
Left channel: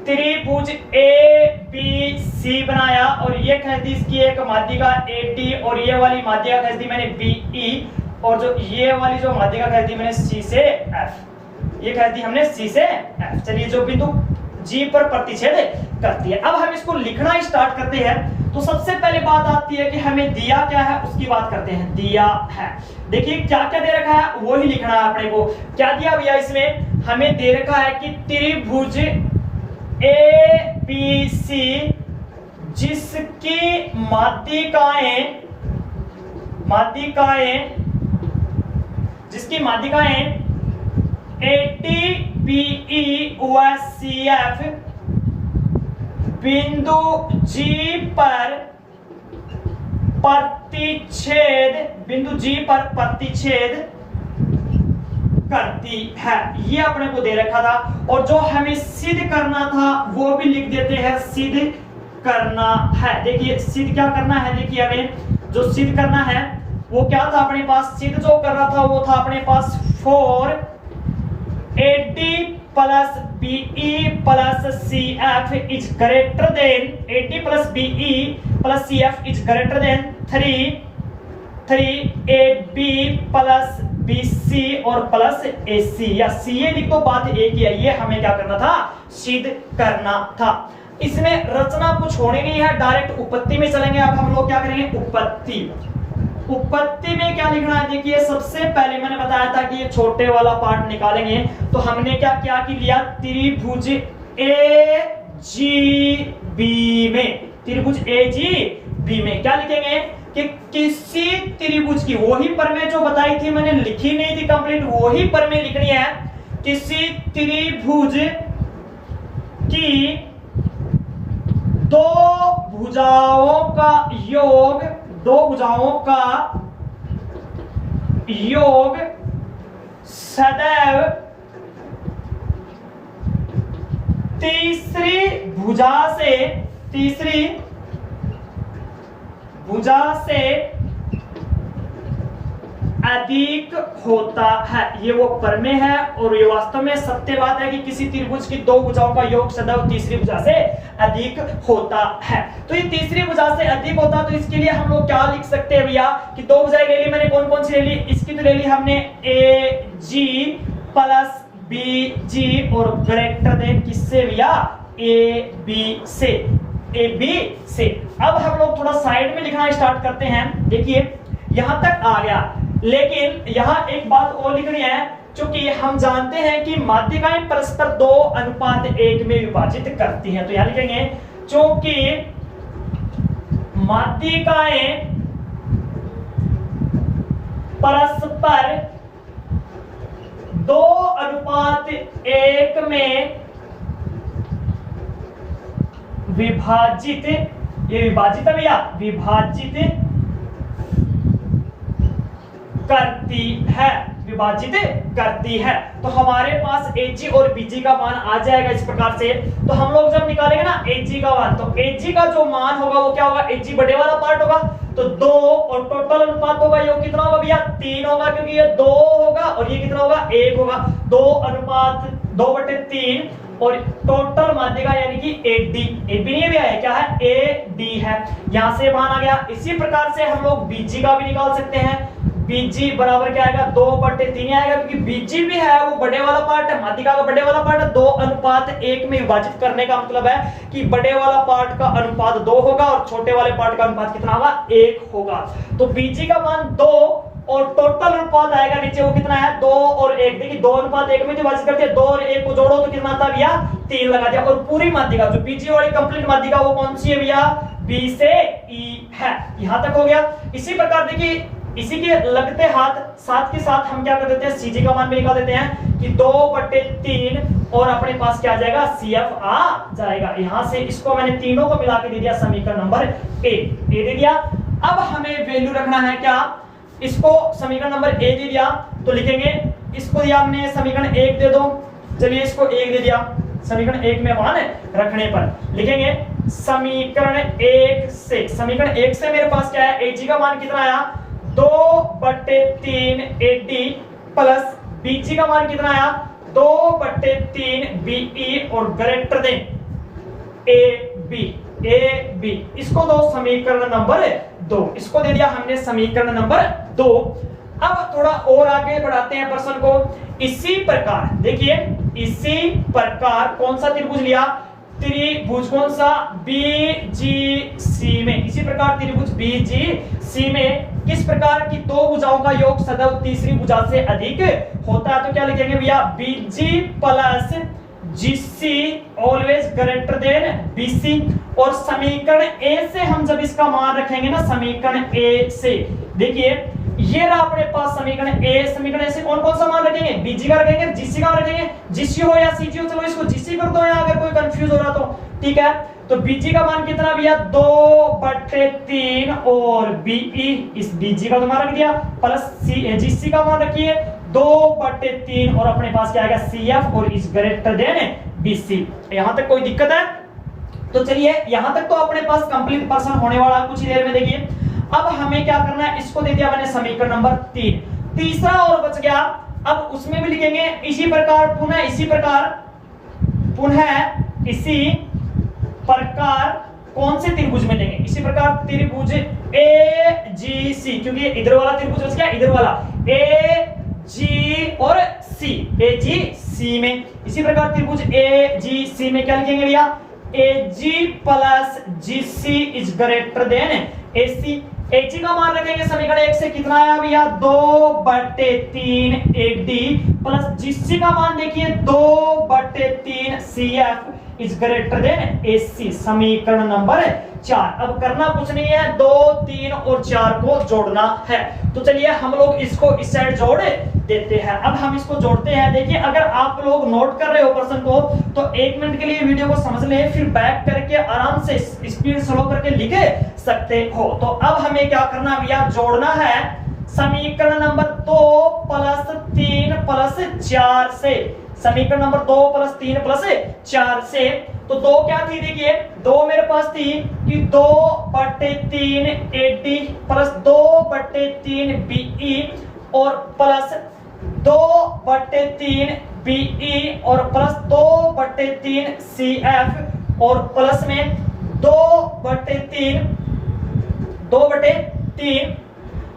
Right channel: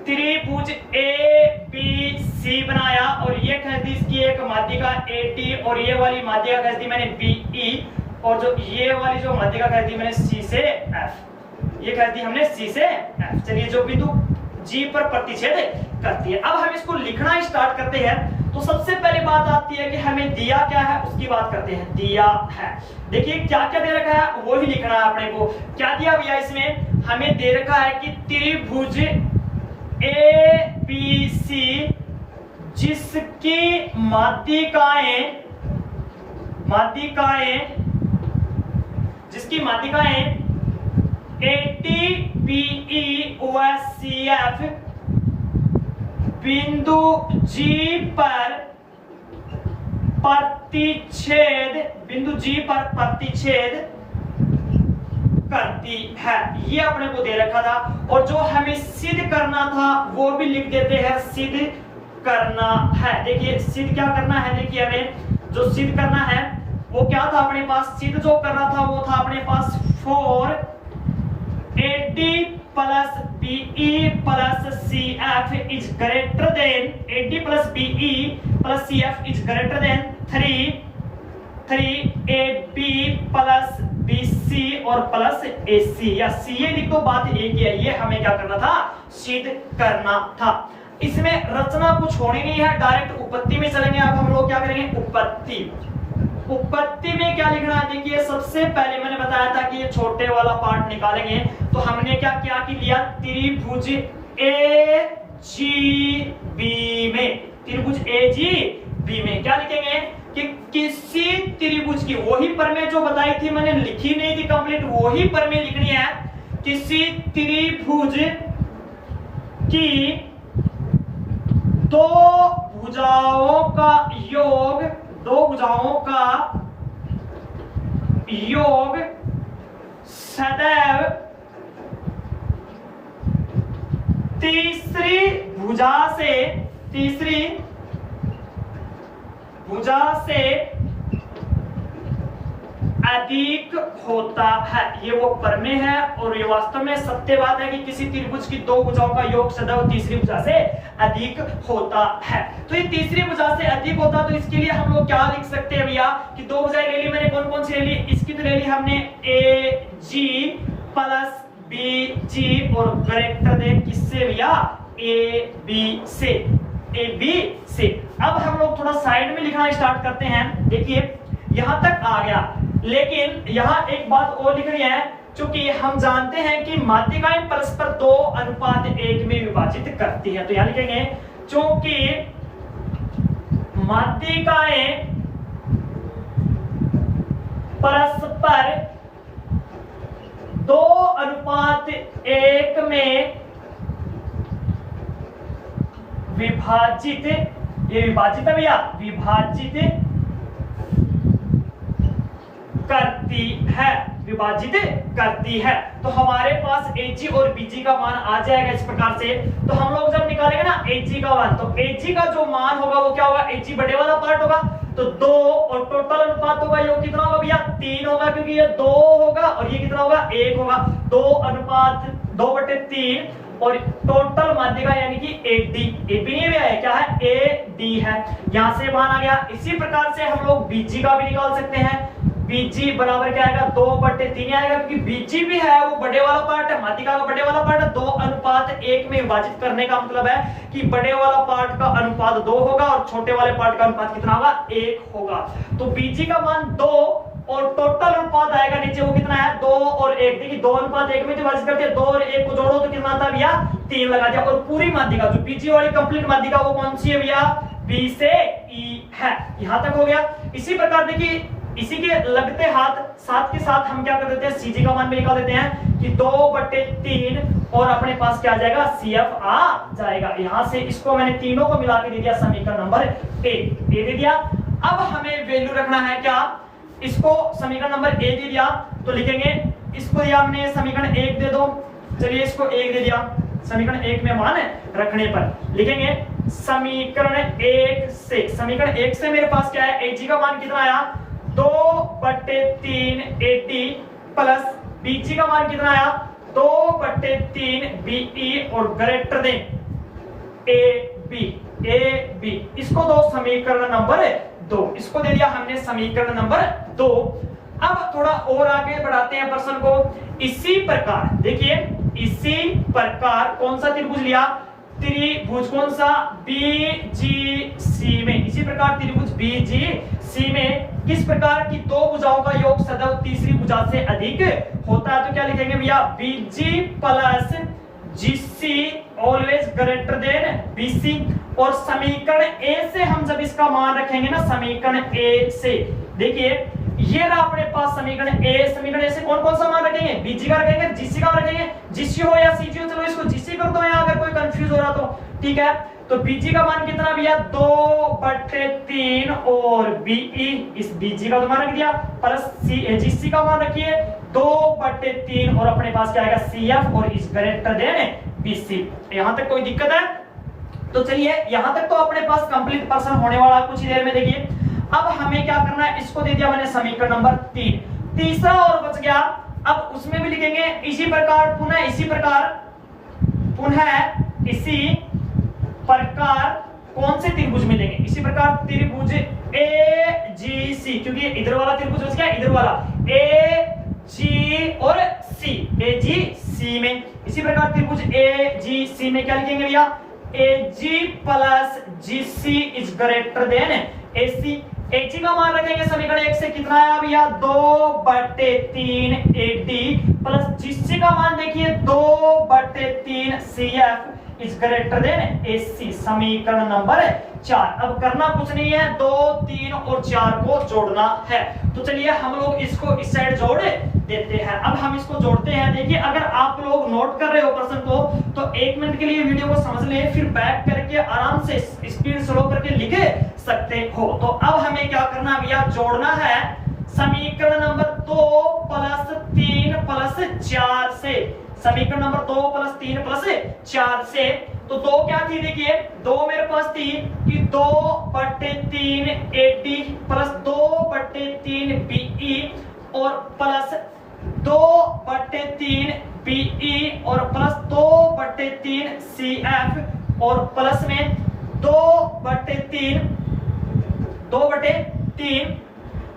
त्रिभुज ABC बनाया और ये खींच दी इसकी एक माध्यिका AD और ये वाली माध्यिका खींच दी मैंने BE और जो ये वाली जो माध्यिका खींच दी मैंने C से F, ये कर दी हमने C से F। चलिए जो बिंदु G पर प्रतिच्छेद करती है। अब हम इसको लिखना स्टार्ट करते हैं। तो सबसे पहले बात आती है कि हमें दिया क्या है उसकी बात करते हैं। दिया है, देखिए क्या क्या दे रखा है वो ही लिखना है अपने को। क्या दिया भैया इसमें, हमें दे रखा है कि त्रिभुज ABC जिसकी माध्यिकाएं AD BE व CF बिंदु G पर प्रतिच्छेद करती है, ये अपने को दे रखा था। और जो हमें सिद्ध करना था वो भी लिख देते हैं, सिद्ध करना है। देखिए सिद्ध क्या करना है, देखिए हमें जो सिद्ध करना है वो क्या था अपने पास, सिद्ध जो करना था वो था अपने पास 4 AD plus BE plus CF is greater than AD plus BE plus CF is greater than 3 AB plus BC और प्लस AC, या CA लिख दो, बात एक ही है। ये हमें क्या करना था, सिद्ध करना था। इसमें रचना कुछ होनी नहीं है, डायरेक्ट उपपत्ति में चलेंगे। अब हम लोग क्या करेंगे, उपपत्ति में क्या लिखना है। देखिए सबसे पहले मैंने बताया था कि ये छोटे वाला पार्ट निकालेंगे। तो हमने क्या क्या की लिया, त्रिभुज AGB में क्या लिखेंगे कि किसी त्रिभुज की, वही प्रमेय जो बताई थी मैंने, लिखी नहीं थी कंप्लीट, वही प्रमेय लिखनी है। किसी त्रिभुज की दो भुजाओं का योग सदैव तीसरी भुजा से अधिक होता है। ये वो प्रमेय है और ये वास्तव में सत्य बात है कि किसी त्रिभुज की दो भुजाओं का योग सदैव तीसरी भुजा से अधिक होता है। तो ये तीसरी भुजा से अधिक होता, तो इसके लिए हम लोग क्या लिख सकते हैं भैया कि दो भुजाएं ले ली मैंने, कौन कौन सी ले ली, इसकी तो ले ली हमने AG प्लस BG और ग्रेटर देन किससे भैया, AB से। अब हम लोग थोड़ा साइड में लिखना स्टार्ट करते हैं। देखिए यहां तक आ गया, लेकिन यहां एक बात और लिखनी है। क्योंकि हम जानते हैं कि माध्यिकाएं परस्पर 2:1 में विभाजित करती हैं। तो यहां लिखेंगे क्योंकि माध्यिकाएं परस्पर 2:1 में विभाजित, ये विभाजित है भैया, विभाजित करती है। तो हमारे पास AG और BG का मान आ जाएगा इस प्रकार से। तो हम लोग जब निकालेंगे ना AG का मान, तो AG का जो मान होगा वो क्या होगा, AG बड़े वाला पार्ट होगा, तो 2 और टोटल अनुपात होगा, ये कितना होगा भैया, 3 होगा, क्योंकि ये 2 होगा और ये कितना होगा, 1 होगा। 2:3 और टोटल माध्यिका यानी कि AB नहीं भी है, क्या है, AD है। यहां से मान आ गया। इसी प्रकार से हम लोग BG का भी निकाल सकते हैं। BG बराबर क्या आएगा, 2/3 आएगा, क्योंकि BG भी है वो बड़े वाला पार्ट है, माध्यिका का बड़े वाला पार्ट है। 2:1 में विभाजित करने का मतलब है कि बड़े वाला पार्ट का अनुपात 2 होगा और छोटे वाले पार्ट का अनुपात कितना होगा, 1 होगा। तो BG का मान 2 और टोटल अनुपात आएगा नीचे वो कितना है 2 और 1। देखिए 2 अनुपात 1 में विभाजित करते हैं, 2 और 1 को जोड़ो तो कितना आता है भैया 3 लगा दिया। और पूरी माध्यिका जो बीजी वाली कंप्लीट माध्यिका वो कौन सी है भैया बी से ई है। यहां तक हो गया। इसी प्रकार देखिए इसी के लगते हाथ साथ के साथ हम क्या कर देते हैं सीजी का मान भी निकाल देते हैं कि 2/3 और अपने पास क्या आ जाएगा CF आ जाएगा। यहां से इसको मैंने तीनों को मिला के दे दिया समीकरण नंबर ए दे दिया। अब हमें वैल्यू रखना है क्या, इसको समीकरण नंबर ए दे दिया तो लिखेंगे इसको दिया हमने समीकरण 1 दे दो, चलिए इसको 1 दे दिया। समीकरण 1 में मान रखने पर लिखेंगे समीकरण 1 से मेरे पास क्या है एजी का मान कितना आया 2/3 AD प्लस बीजी का मान कितना आया 2/3 BE और ग्रेटर देन AB इसको दो समीकरण नंबर 2, इसको दे दिया हमने समीकरण नंबर 2। अब थोड़ा और आगे बढ़ाते हैं प्रश्न को। इसी प्रकार देखिए इसी प्रकार कौन सा त्रिभुज लिया त्रिभुज कौन सा BGC में, इसी प्रकार त्रिभुज BGC में किस प्रकार की दो भुजाओं का योग सदैव तीसरी भुजा से अधिक होता है। तो क्या लिखेंगे भैया BG plus GC always greater than BC। और समीकरण ए से हम जब इसका मान रखेंगे ना समीकरण ए से देखिए ये रहा अपने पास समीकरण ए से कौन कौन सा मान रखेंगे BG का रखेंगे GC का रखेंगे, GC हो या CG हो, चलो इसको GC कर दो यहाँ अगर कोई कंफ्यूज हो रहा तो ठीक है। तो BG का मान कितना भैया 2/3 और BE इस BG का तो मान रख दिया प्लस GC का मान रखिए 2/3 और अपने पास क्या आएगा CF और इस ग्रेटर देन BC। यहां तक कोई दिक्कत है तो चलिए यहां तक तो अपने पास कंप्लीट पर्सन होने वाला कुछ देर में। देखिए अब हमें क्या करना है, इसको दे दिया मैंने समीकरण नंबर 3, तीसरा और बच गया। अब उसमें भी लिखेंगे इसी प्रकार पुनः इसी प्रकार कौन से त्रिभुज में लेंगे, इसी प्रकार त्रिभुज AGC, क्योंकि इधर वाला त्रिभुज बच गया इधर वाला AG और C, AGC में इसी प्रकार त्रिभुज AGC में क्या लिखेंगे भैया AG plus GC is greater than AC। AG का मान रखेंगे समीकरण 1 से कितना आया भैया 2/3 AD प्लस GC का मान देखिए 2/3 CF is greater than AC। समीकरण नंबर 4। अब करना कुछ नहीं है 2, 3 और 4 को जोड़ना है। तो चलिए हम लोग इसको इस साइड जोड़ देते हैं। अब हम इसको जोड़ते हैं। देखिए अगर आप लोग नोट कर रहे हो प्रश्न को तो 1 मिनट के लिए वीडियो को समझ लें, फिर बैक करके आराम से स्पीड स्लो करके लिख सकते हो। तो अब हमें क्या करना भैया जोड़ना है समीकरण नंबर 2 प्लस 3 प्लस 4 से, समीकरण नंबर 2 प्लस 3 प्लस 4 से। तो 2 क्या थी देखिए 2 मेरे पास थी कि 2/3 AD प्लस 2/3 BE और प्लस 2/3 BE और प्लस 2/3 CF और प्लस में 2/3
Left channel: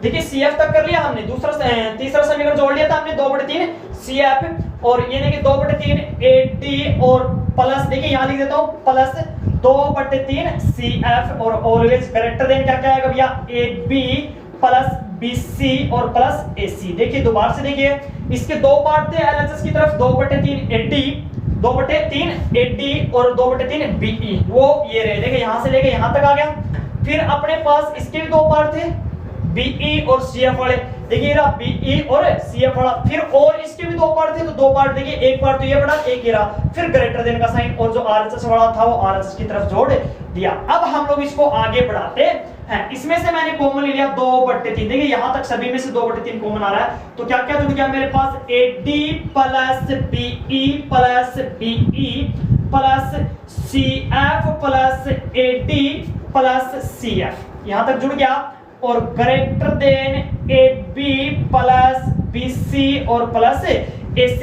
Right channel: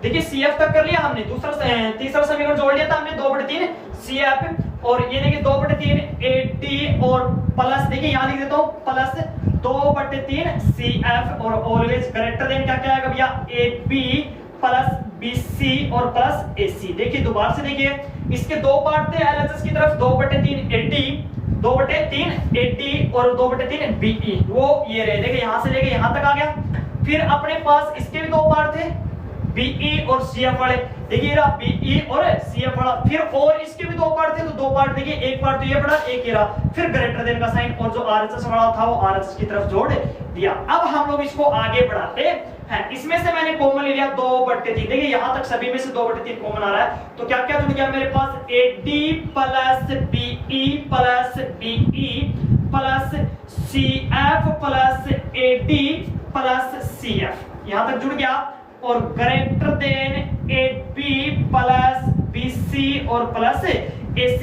देखिए CF तक कर लिया हमने, तीसरा समीकरण जोड़ लिया था हमने 2/3 CF और ये देखिए 2/3 AD और प्लस देखिए यहां लिख देता हूं प्लस 2/3 CF और ऑलवेज ग्रेटर देन क्या क्या आएगा भैया AB प्लस BC और प्लस AC। देखिए दोबारा से देखिए इसके दो पार्ट थे LHS की तरफ 2/3 AD और 2/3 BE वो ये रहे। देखिए यहां से लेके यहां तक आ गया। फिर अपने पास इसके भी दो पार्ट थे BE और CF वाले, देखिए रहा BE और CF वाला। फिर और इसके भी दो पार्ट थे तो दो पार्ट देखिए एक पार्ट तो ये पड़ा एक ये रहा, फिर ग्रेटर देन का साइन और जो RHS वाला था वो RHS की तरफ जोड़ दिया। अब हम लोग इसको आगे बढ़ाते हैं। इसमें से मैंने कॉमन ले लिया 2/3, देखिए यहां तक सभी में से 2/3 कॉमन आ रहा है। तो क्या क्या जुड़ गया मेरे पास AD plus BE plus BE plus CF plus AD plus CF यहां तक जुड़ गया और greater than AB plus BC और प्लस AC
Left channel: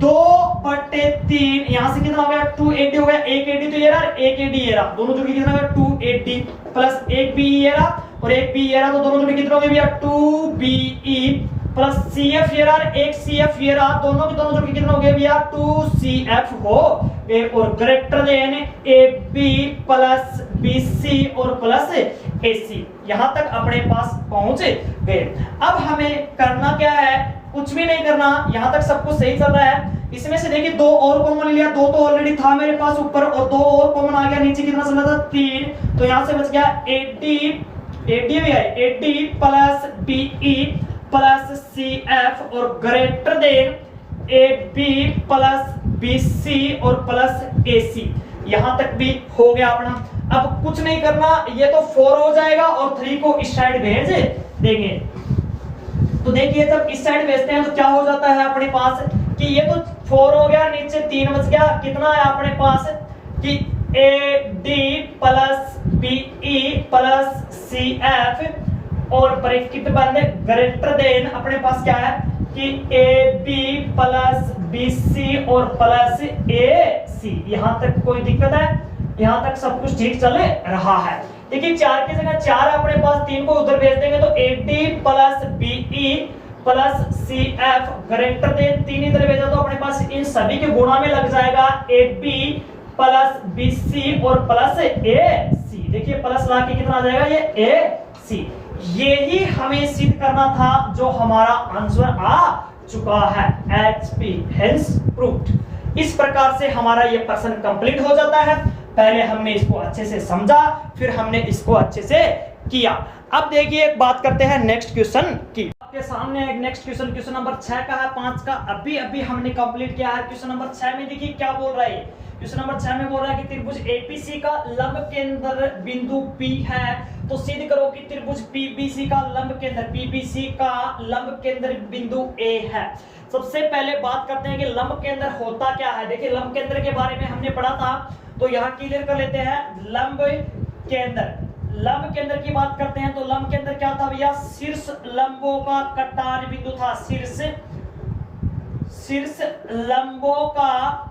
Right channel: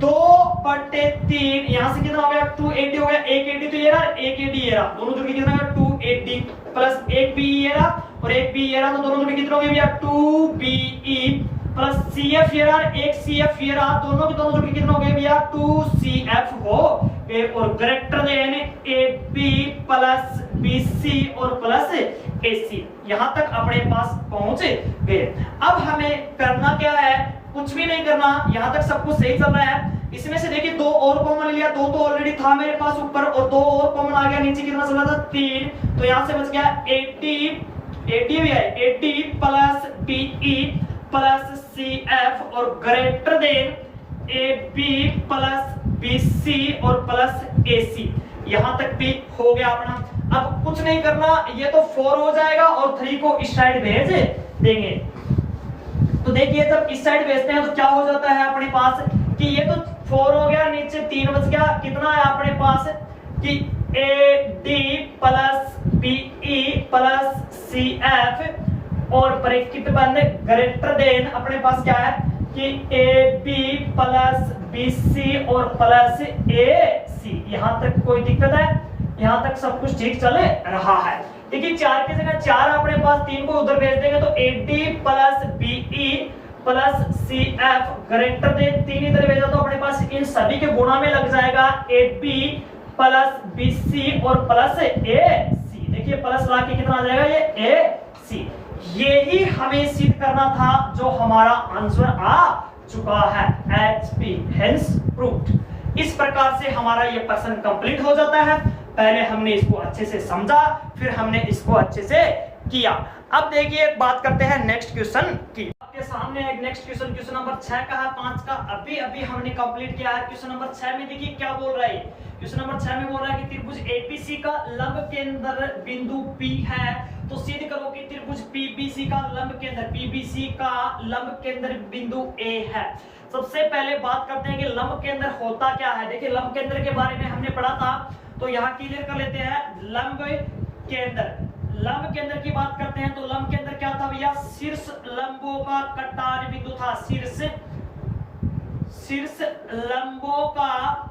2/3 यहां से कितना हो गया 2AD हो गया, एक AD तो ये रहा एक AD ये रहा, दोनों जुड़ के कितना हो गया 2AD प्लस एक BE ये रहा और एक BE ये रहा, तो दोनों जुड़ के कितना हो गया भैया 2BE प्लस CF ये रहा एक CF ये रहा, दोनों के दोनों जुड़ के कितना हो गया भैया 2CF हो और greater than AB plus BC और प्लस AC। यहां तक अपने पास पहुंच गए। अब हमें करना क्या है, कुछ भी नहीं करना, यहां तक सब कुछ सही चल रहा है। इसमें से देखिए दो और कॉमन लिया, दो तो ऑलरेडी था मेरे पास ऊपर और दो और कॉमन आ गया, नीचे कितना चल रहा था 3, तो यहां से बच गया 80 भी है 80 प्लस BE प्लस CF और greater than AB plus BC और प्लस AC। यहां तक भी हो गया अपना। अब कुछ नहीं करना, ये तो 4 हो जाएगा और 3 को इस साइड भेज देंगे। तो देखिए जब इस साइड भेजते हैं तो क्या हो जाता है अपने पास कि ये तो 4 हो गया, नीचे 3 बच गया, कितना है अपने पास कि AD plus BE plus CF और ब्रैकेट बंद ग्रेटर देन अपने पास क्या है कि AB प्लस BC और प्लस AC। यहां तक कोई दिक्कत है, यहां तक सब कुछ ठीक चल रहा है। देखिए 4 की जगह 4 अपने पास, 3 को उधर भेज देंगे तो AD plus BE plus CF greater than 3 इधर भेजा तो अपने पास इन सभी के गुणा में लग जाएगा AB प्लस BC और प्लस AC। देखिए प्लस ला के कितना आ जाएगा ये AC। यही हमें सिद्ध करना था जो हमारा आंसर आ चुका है, HP हेंस प्रूव्ड। इस प्रकार से हमारा ये प्रश्न कंप्लीट हो जाता है। पहले हमने इसको अच्छे से समझा, फिर हमने इसको अच्छे से किया। अब देखिए बात करते हैं नेक्स्ट क्वेश्चन की। आपके सामने एक नेक्स्ट क्वेश्चन, क्वेश्चन नंबर 6 का है, 5 का अभी हमने कंप्लीट किया है। क्वेश्चन नंबर 6 में देखिए क्या बोल रहा है। क्वेश्चन नंबर 6 में बोल रहा है कि त्रिभुज APC का लंब केंद्र बिंदु P है, तो सिद्ध करो कि त्रिभुज PBC का लंब केंद्र बिंदु A है। सबसे पहले बात करते हैं कि लंब केंद्र होता क्या है। देखिए लंब केंद्र के बारे में हमने पढ़ा था, तो यहाँ क्लियर कर लेते हैं। लंब केंद्र की बात करते हैं तो लंब केंद्र क्या था भैया, शीर्ष लंबों का कटान बिंदु था। शीर्ष लंबों का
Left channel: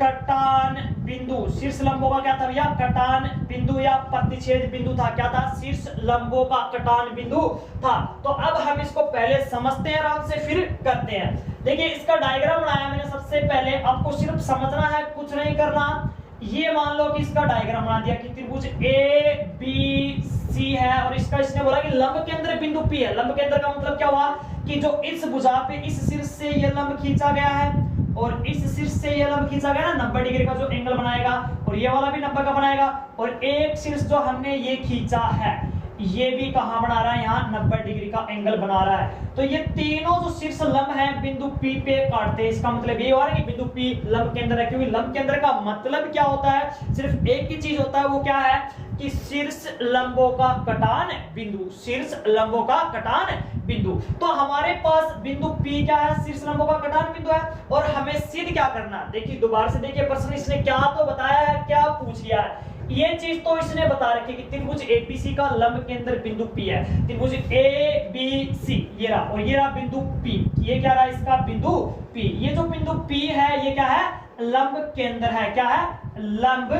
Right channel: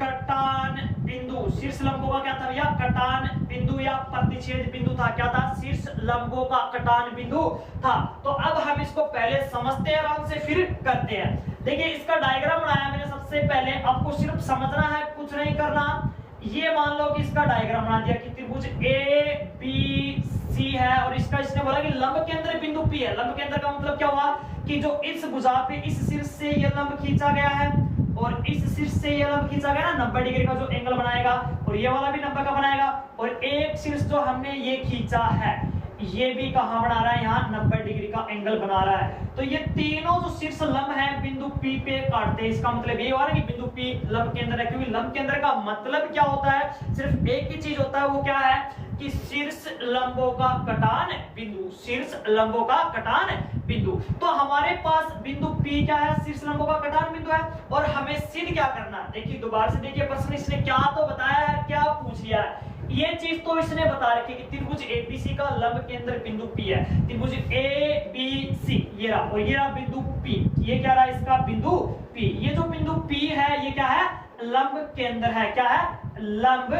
कटान बिंदु, शीर्ष लंबों का क्या था भैया, कटान बिंदु या प्रतिच्छेद बिंदु था। क्या था, शीर्ष लंबों का कटान बिंदु था। तो अब हम इसको पहले समझते हैं आराम से, फिर करते हैं। देखिए इसका डायग्राम बनाया मैंने। सबसे पहले आपको सिर्फ समझना है, कुछ नहीं करना। ये मान लो कि इसका डायग्राम बना दिया कि त्रिभुज ABC है और इसका इसने बोला कि लंब केंद्र बिंदु P है। लंब केंद्र का मतलब क्या हुआ कि जो इस भुजा पे इस शीर्ष से ये लंब खींचा गया है और इस शीर्ष से ये लंब खींचा गया ना, 90 डिग्री का जो एंगल बनाएगा, और ये वाला भी 90 का बनाएगा, और एक शीर्ष जो हमने ये खींचा है ये भी कहां बना रहा है, यहाँ 90 डिग्री का एंगल बना रहा है। तो ये तीनों जो शीर्ष लंब हैं बिंदु P पे काटते हैं। इसका मतलब ये हुआ कि बिंदु P लंब केंद्र है, क्योंकि लंब केंद्र का मतलब क्या होता है, सिर्फ एक ही चीज होता है, वो क्या है कि शीर्ष लंबों का कटान बिंदु। शीर्ष लंबों का कटान बिंदु। तो हमारे पास बिंदु P क्या है, शीर्ष लंबों का कटान बिंदु है, और हमें सिद्ध क्या करना है। देखिए दोबारा से देखिए प्रश्न, इसने क्या तो बताया है, क्या पूछ लिया है। ये चीज तो इसने बता रखी कि त्रिभुज APC का लंब केंद्र बिंदु P है। त्रिभुज ABC ये रहा, और ये रहा बिंदु P। ये क्या रहा इसका बिंदु P। ये जो बिंदु P है ये क्या है, लंब केंद्र है। क्या है, लंब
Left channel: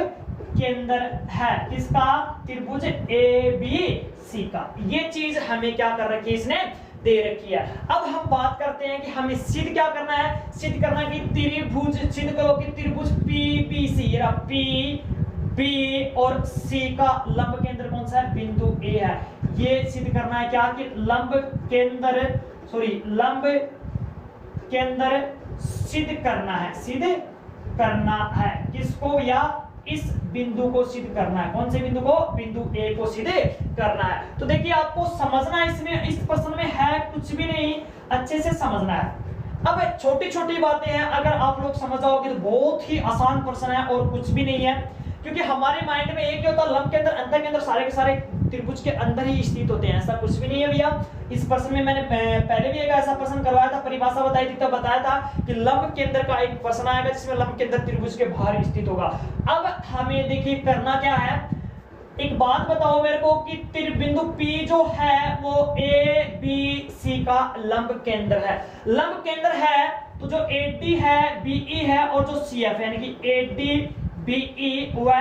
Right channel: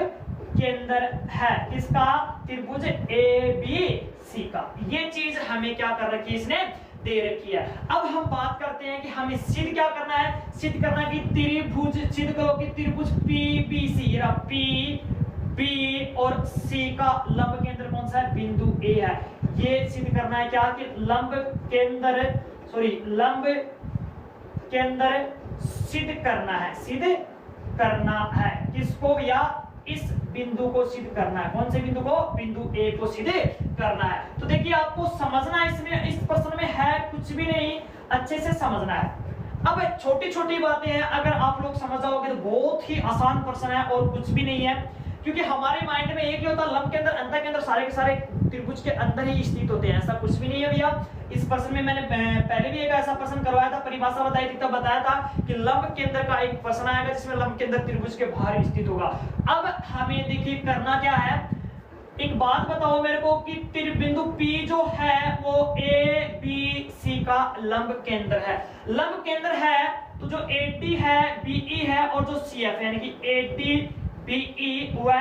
केंद्र है इसका, त्रिभुज ABC का। ये चीज हमें क्या कर रखी है, इसने दे रखी है। अब हम बात करते हैं कि हमें सिद्ध क्या करना है। सिद्ध करना है कि त्रिभुज, सिद्ध करो कि त्रिभुज PBC ये रहा P B और C का लंब केंद्र कौन सा है, बिंदु A है। ये सिद्ध करना है क्या कि लंब केंद्र सिद्ध करना है। सिद्ध करना है किसको, या इस बिंदु को सिद्ध करना है। कौन से बिंदु को, बिंदु A को सिद्ध करना है। तो देखिए आपको समझना इसमें, इस प्रश्न में है कुछ भी नहीं, अच्छे से समझना है। अब छोटी छोटी बातें हैं, अगर आप लोग समझ जाओगे तो बहुत ही आसान प्रश्न है और कुछ भी नहीं है, क्योंकि हमारे माइंड में एक ही होता है लंब के अंदर, अंतर के अंदर सारे के सारे त्रिभुज के अंदर ही स्थित होते हैं। ऐसा कुछ भी नहीं है भैया। इस प्रश्न में मैंने पहले भी एक ऐसा प्रश्न करवाया था, परिभाषा बताई थी, तब बताया था कि लंब केंद्र का एक प्रश्न आएगा जिसमें लंब केंद्र त्रिभुज के बाहर स्थित होगा। अब हमें देखिए करना क्या है, एक बात बताओ मेरे को कि बिंदु P जो है वो ABC का लंब केंद्र है। लंब केंद्र है तो जो AD है, BE है और जो CF है, यानी कि AD BE व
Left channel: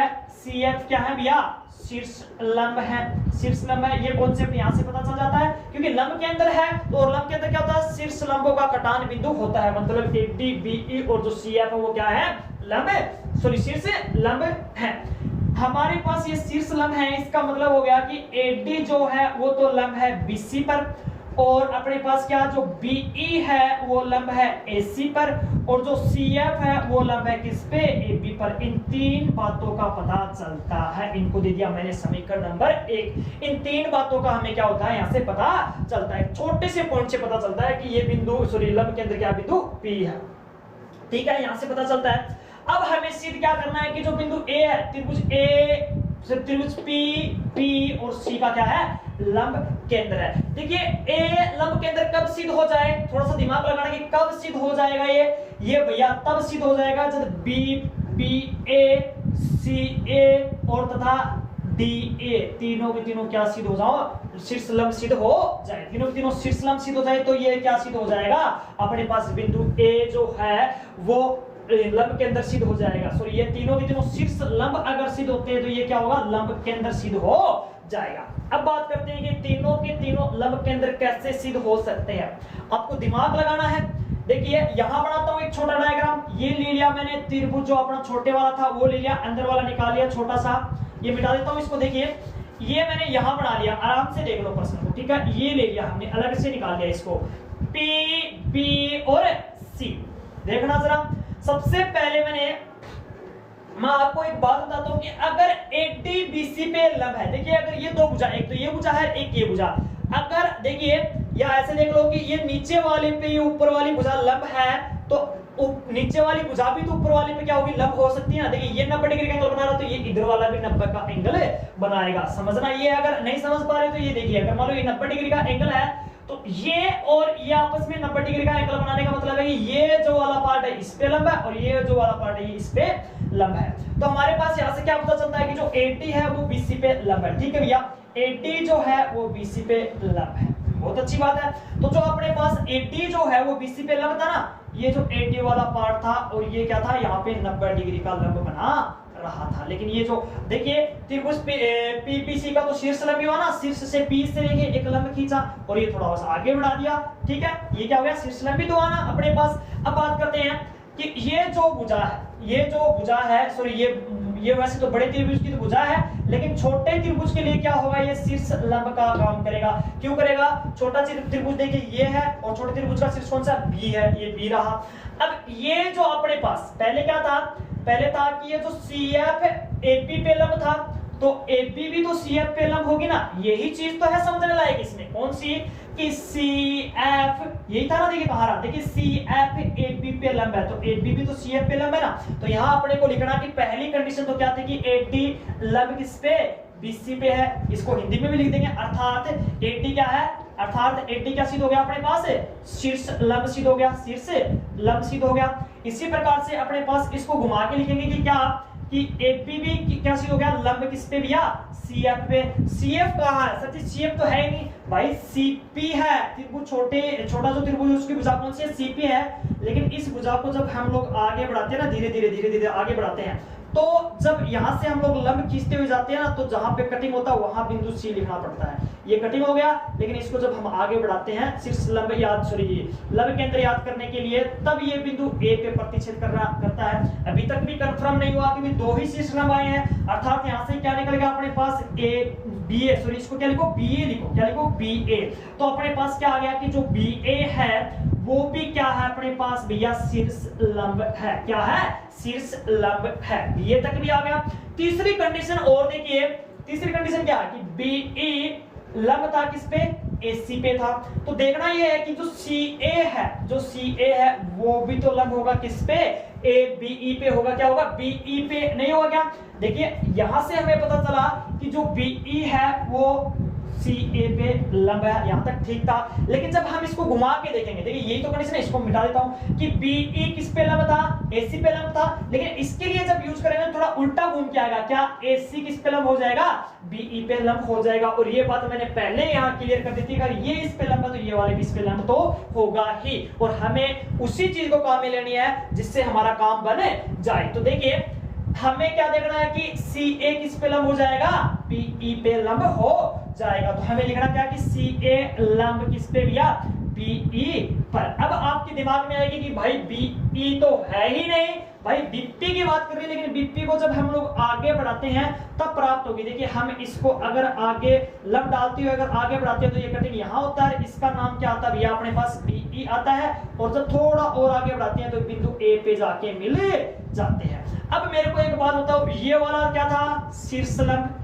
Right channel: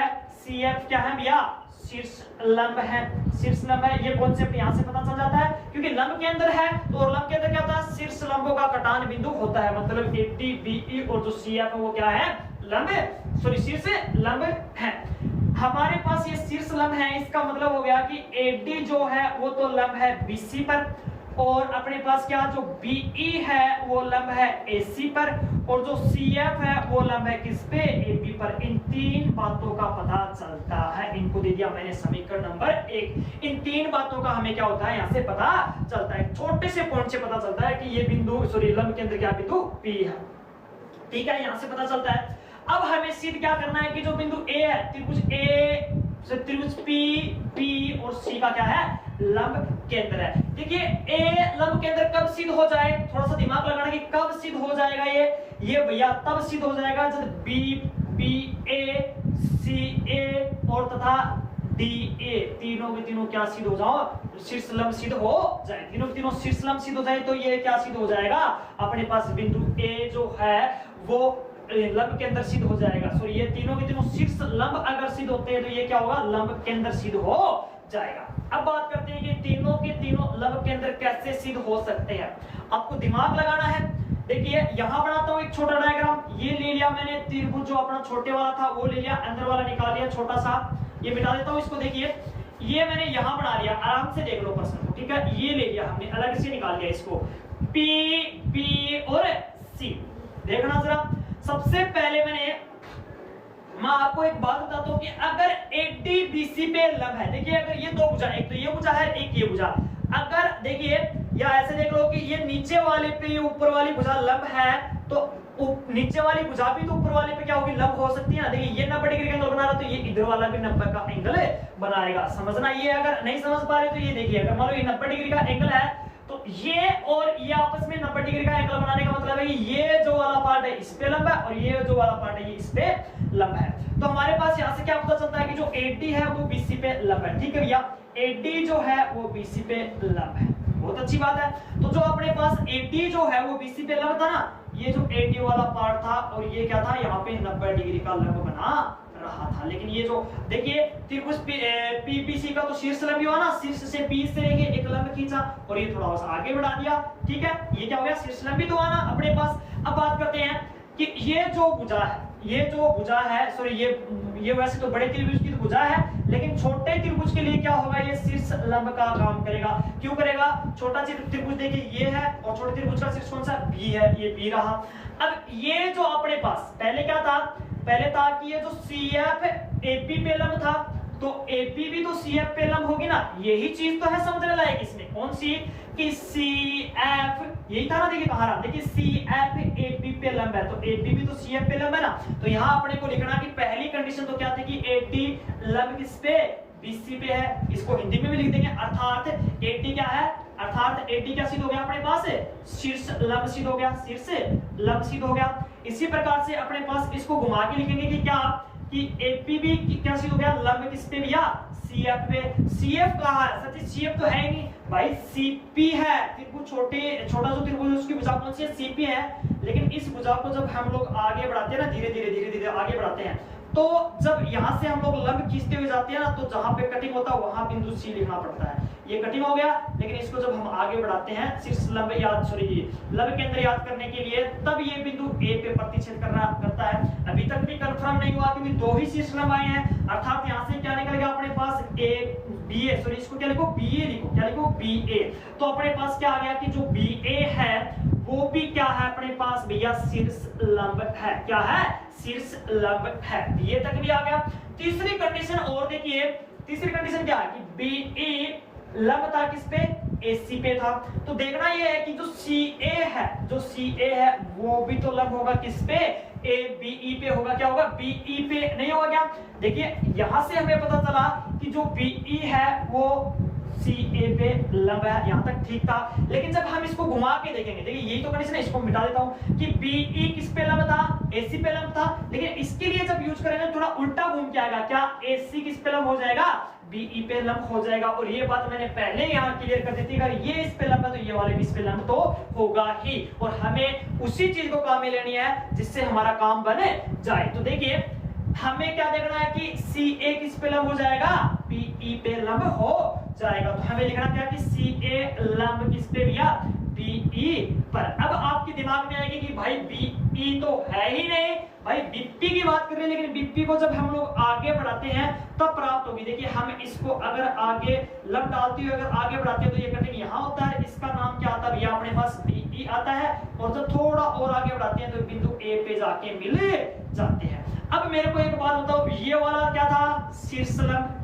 CF क्या है भैया, शीर्ष लंब है। शीर्ष लंब है, ये कॉन्सेप्ट यहाँ से पता चल जाता है, क्योंकि लंब के अंदर है तो लंब के अंदर क्या होता है, शीर्ष लंबों का कटान बिंदु होता है। मतलब AD BE और जो CF है वो क्या है, लंब, शीर्ष लंब है। हमारे पास ये शीर्ष लंब है, इसका मतलब हो गया कि एडी जो है वो तो लंब है बीसी पर, और अपने पास क्या जो बीई है वो लंब है एसी पर, और जो सीएफ है वो लंब है किस पे, एबी पर। इन तीन बातों का पता चलता है, इनको दे दिया मैंने समीकरण नंबर 1। इन तीन बातों का हमें क्या होता है यहां से पता चलता है, छोटे से पॉइंट से पता चलता है कि ये बिंदु सॉरी लंब के अंदर क्या बिंदु पी है, ठीक है, यहां से पता चलता है। अब हमें सिद्ध क्या करना है कि जो बिंदु ए है, त्रिभुज ए त्रिभुज पी बी और सी का क्या है, लंब केंद्र है। देखिए ए लंब केंद्र कब सिद्ध हो जाए, थोड़ा सा दिमाग लगाना कि कब सिद्ध हो जाएगा ये भैया तब सिद्ध हो जाएगा जब बी बी ए सी ए और तथा डी ए तीनों के तीनों क्या सिद्ध हो जाओ, शीर्ष लंब सिद्ध हो जाए, तीनों के तीनों शीर्ष लंब सिद्ध हो जाए तो ये क्या सिद्ध हो जाएगा, अपने पास बिंदु ए जो है वो लंब केंद्र सिद्ध हो जाएगा। सो ये तीनों के तीनों शीर्ष लंब अगर सिद्ध होते हैं तो ये क्या होगा, लंब केंद्र सिद्ध हो जाएगा। अब बात करते हैं कि तीनों के तीनों लंब केंद्र कैसे सिद्ध हो सकते हैं, आपको दिमाग लगाना है। देखिए यहां बनाता हूं एक छोटा डायग्राम, ये ले लिया मैंने त्रिभुज जो अपना छोटे वाला था वो ले लिया, अंदर वाला निकाल लिया छोटा सा, ये मिटा देता हूं इसको। देखिए ये मैंने यहां बना लिया, आराम से देख लो प्रश्न को, ठीक है, ये ले लिया हमने, अलग से निकाल लिया इसको, पी बी और सी। देखना जरा, सबसे पहले मैं आपको एक बात बताता हूं कि अगर एडी बीसी पे लंब है, देखिए अगर ये दो भुजा, एक तो ये भुजा है एक ये भुजा, अगर देखिए या ऐसे देख लो कि ये नीचे वाले पे ये ऊपर वाली भुजा लंब है तो नीचे वाली भुजा भी तो ऊपर वाले पे क्या होगी, लंब हो सकती है ना। देखिए ये 90 डिग्री का एंगल बना रहा तो ये इधर वाला भी 90 का एंगल बनाएगा, समझना। ये अगर नहीं समझ पा रहे तो ये देखिए, अगर मान लो ये 90 डिग्री का एंगल है तो ये और ये आपस में 90 डिग्री का एंगल बनाने का मतलब है कि ये जो वाला पार्ट है इस पे लंब है और ये जो वाला पार्ट है ये इस पे लंब है। तो हमारे पास यहां से क्या पता चलता है कि जो AD है वो BC पे लंब है, ठीक है भैया, AD जो है वो BC पे लंब है, बहुत अच्छी बात है। तो जो अपने पास AD जो है वो BC पे लंब था ना, ये जो AD वाला पार्ट था और ये क्या था, यहाँ पे 90 डिग्री का लंब बना रहा था। लेकिन ये जो देखिए त्रिभुज PBC का तो शीर्ष लंब हुआ ना, शीर्ष से P से लेके एक लंब खींचा और ये थोड़ा सा आगे बढ़ा दिया, ठीक है, ये क्या हो गया, शीर्ष लंब भी तो आना अपने पास। अब बात करते हैं कि ये जो भुजा है सॉरी ये वैसे तो बड़े त्रिभुज की तो भुजा है, लेकिन छोटे त्रिभुज के लिए क्या होगा, ये शीर्ष लंब का काम करेगा। क्यों करेगा, छोटा त्रिभुज देखिए ये है और छोटे त्रिभुज का शीर्ष कौन सा, बी है, ये बी रहा। अब ये जो अपने पास पहले क्या था, पहले था कि ये जो CF AP पे लंब था तो AB भी तो CF पे लंब होगी ना, यही चीज तो है समझने लायक इसमें, कौन सी कि CF यही था ना, देखिए कहा रहा, देखिए CF AB पे लंब है तो AB भी तो CF पे लंब है ना। तो यहां अपने को लिखना कि पहली कंडीशन तो क्या थी कि AD लंब किस पे, BC पे है, इसको हिंदी में भी लिख देंगे, अर्थात AD क्या है, अर्थात AD क्या सिद्ध हो गया अपने पास, शीर्ष लंब सिद्ध हो गया, शीर्ष लंब सिद्ध हो गया। इसी प्रकार से अपने पास इसको घुमा के लिखेंगे कि क्या, कि AB भी क्या सिद्ध हो गया, लंब किस पे भैया, CF पे। CF कहाँ है, सच CF तो है ही नहीं भाई, CP है, त्रिभुज छोटा जो त्रिभुज है उसकी भुजा कौन सी है, CP है। लेकिन इस भुजा को जब हम लोग आगे बढ़ाते हैं ना, धीरे धीरे आगे बढ़ाते हैं, तो जब यहां से हम लोग लंब खींचते हुए जाते हैं ना, तो जहां पे कटिंग होता है वहां बिंदु C लिखना पड़ता है। ये कटिंग हो गया, लेकिन इसको जब हम आगे बढ़ाते हैं शीर्ष लंब लंब केंद्र याद करने के लिए, तब ये बिंदु A पे प्रतिच्छेद करता है। अभी तक भी कंफर्म नहीं हुआ क्योंकि दो ही शीर्ष लंब आए हैं, अर्थात यहां से क्या निकल गया अपने पास BA, इसको क्या लिखो, BA लिखो, क्या लिखो, BA। तो अपने पास क्या आ गया कि जो BA है वो भी क्या है अपने पास भैया, शीर्ष लंब है, क्या है, शीर्ष लंब है, BA तक भी आ गया। तीसरी कंडीशन और देखिए, तीसरी कंडीशन क्या है कि BE लंब था किस पे, AC पे था। तो देखना यह है कि जो CA है वो भी तो लंब होगा किस पे, ABE पे होगा, क्या होगा, BE पे नहीं होगा क्या। देखिए यहां से हमें पता चला कि जो BE है वो CA पे लंब है, यहां तक ठीक था। लेकिन जब हम इसको घुमा के देखेंगे, देखिए यही तो कंडीशन है, इसको मिटा देता हूं कि BE किस पे लंब था, AC पे लंब था। लेकिन इसके लिए जब यूज करेंगे थोड़ा उल्टा घूम के आएगा, क्या AC किस पे लंब हो जाएगा, BE पे लंब हो जाएगा। और ये बात मैंने पहले यहां क्लियर कर दी थी, अगर ये इस पे लंब है तो ये वाले भी इस पे लंब तो होगा ही, और हमें उसी चीज को काम में लेनी है जिससे हमारा काम बने जाए। तो देखिए हमें क्या देखना है कि CA किस पे लंब हो जाएगा, BE पे लंब हो जाएगा। तो हमें लिखना क्या कि CA लंब किस पे भैया, BE पर। अब आपके दिमाग में आएगी कि भाई BE तो है ही नहीं भाई बीपी की बात कर रहे हैं, लेकिन बीपी को जब हम लोग आगे बढ़ाते हैं तब प्राप्त होगी। देखिए हम इसको अगर आगे लंब डालते हुए अगर आगे बढ़ाते हैं तो ये कटिंग यहाँ होता है, इसका नाम क्या आता है भैया अपने पास बीई आता है। और जब थोड़ा और आगे बढ़ाते हैं तो बिंदु ए पे जाके मिल जाते हैं। अब मेरे को एक बात बताओ, ये वाला क्या था, शीर्ष लंब,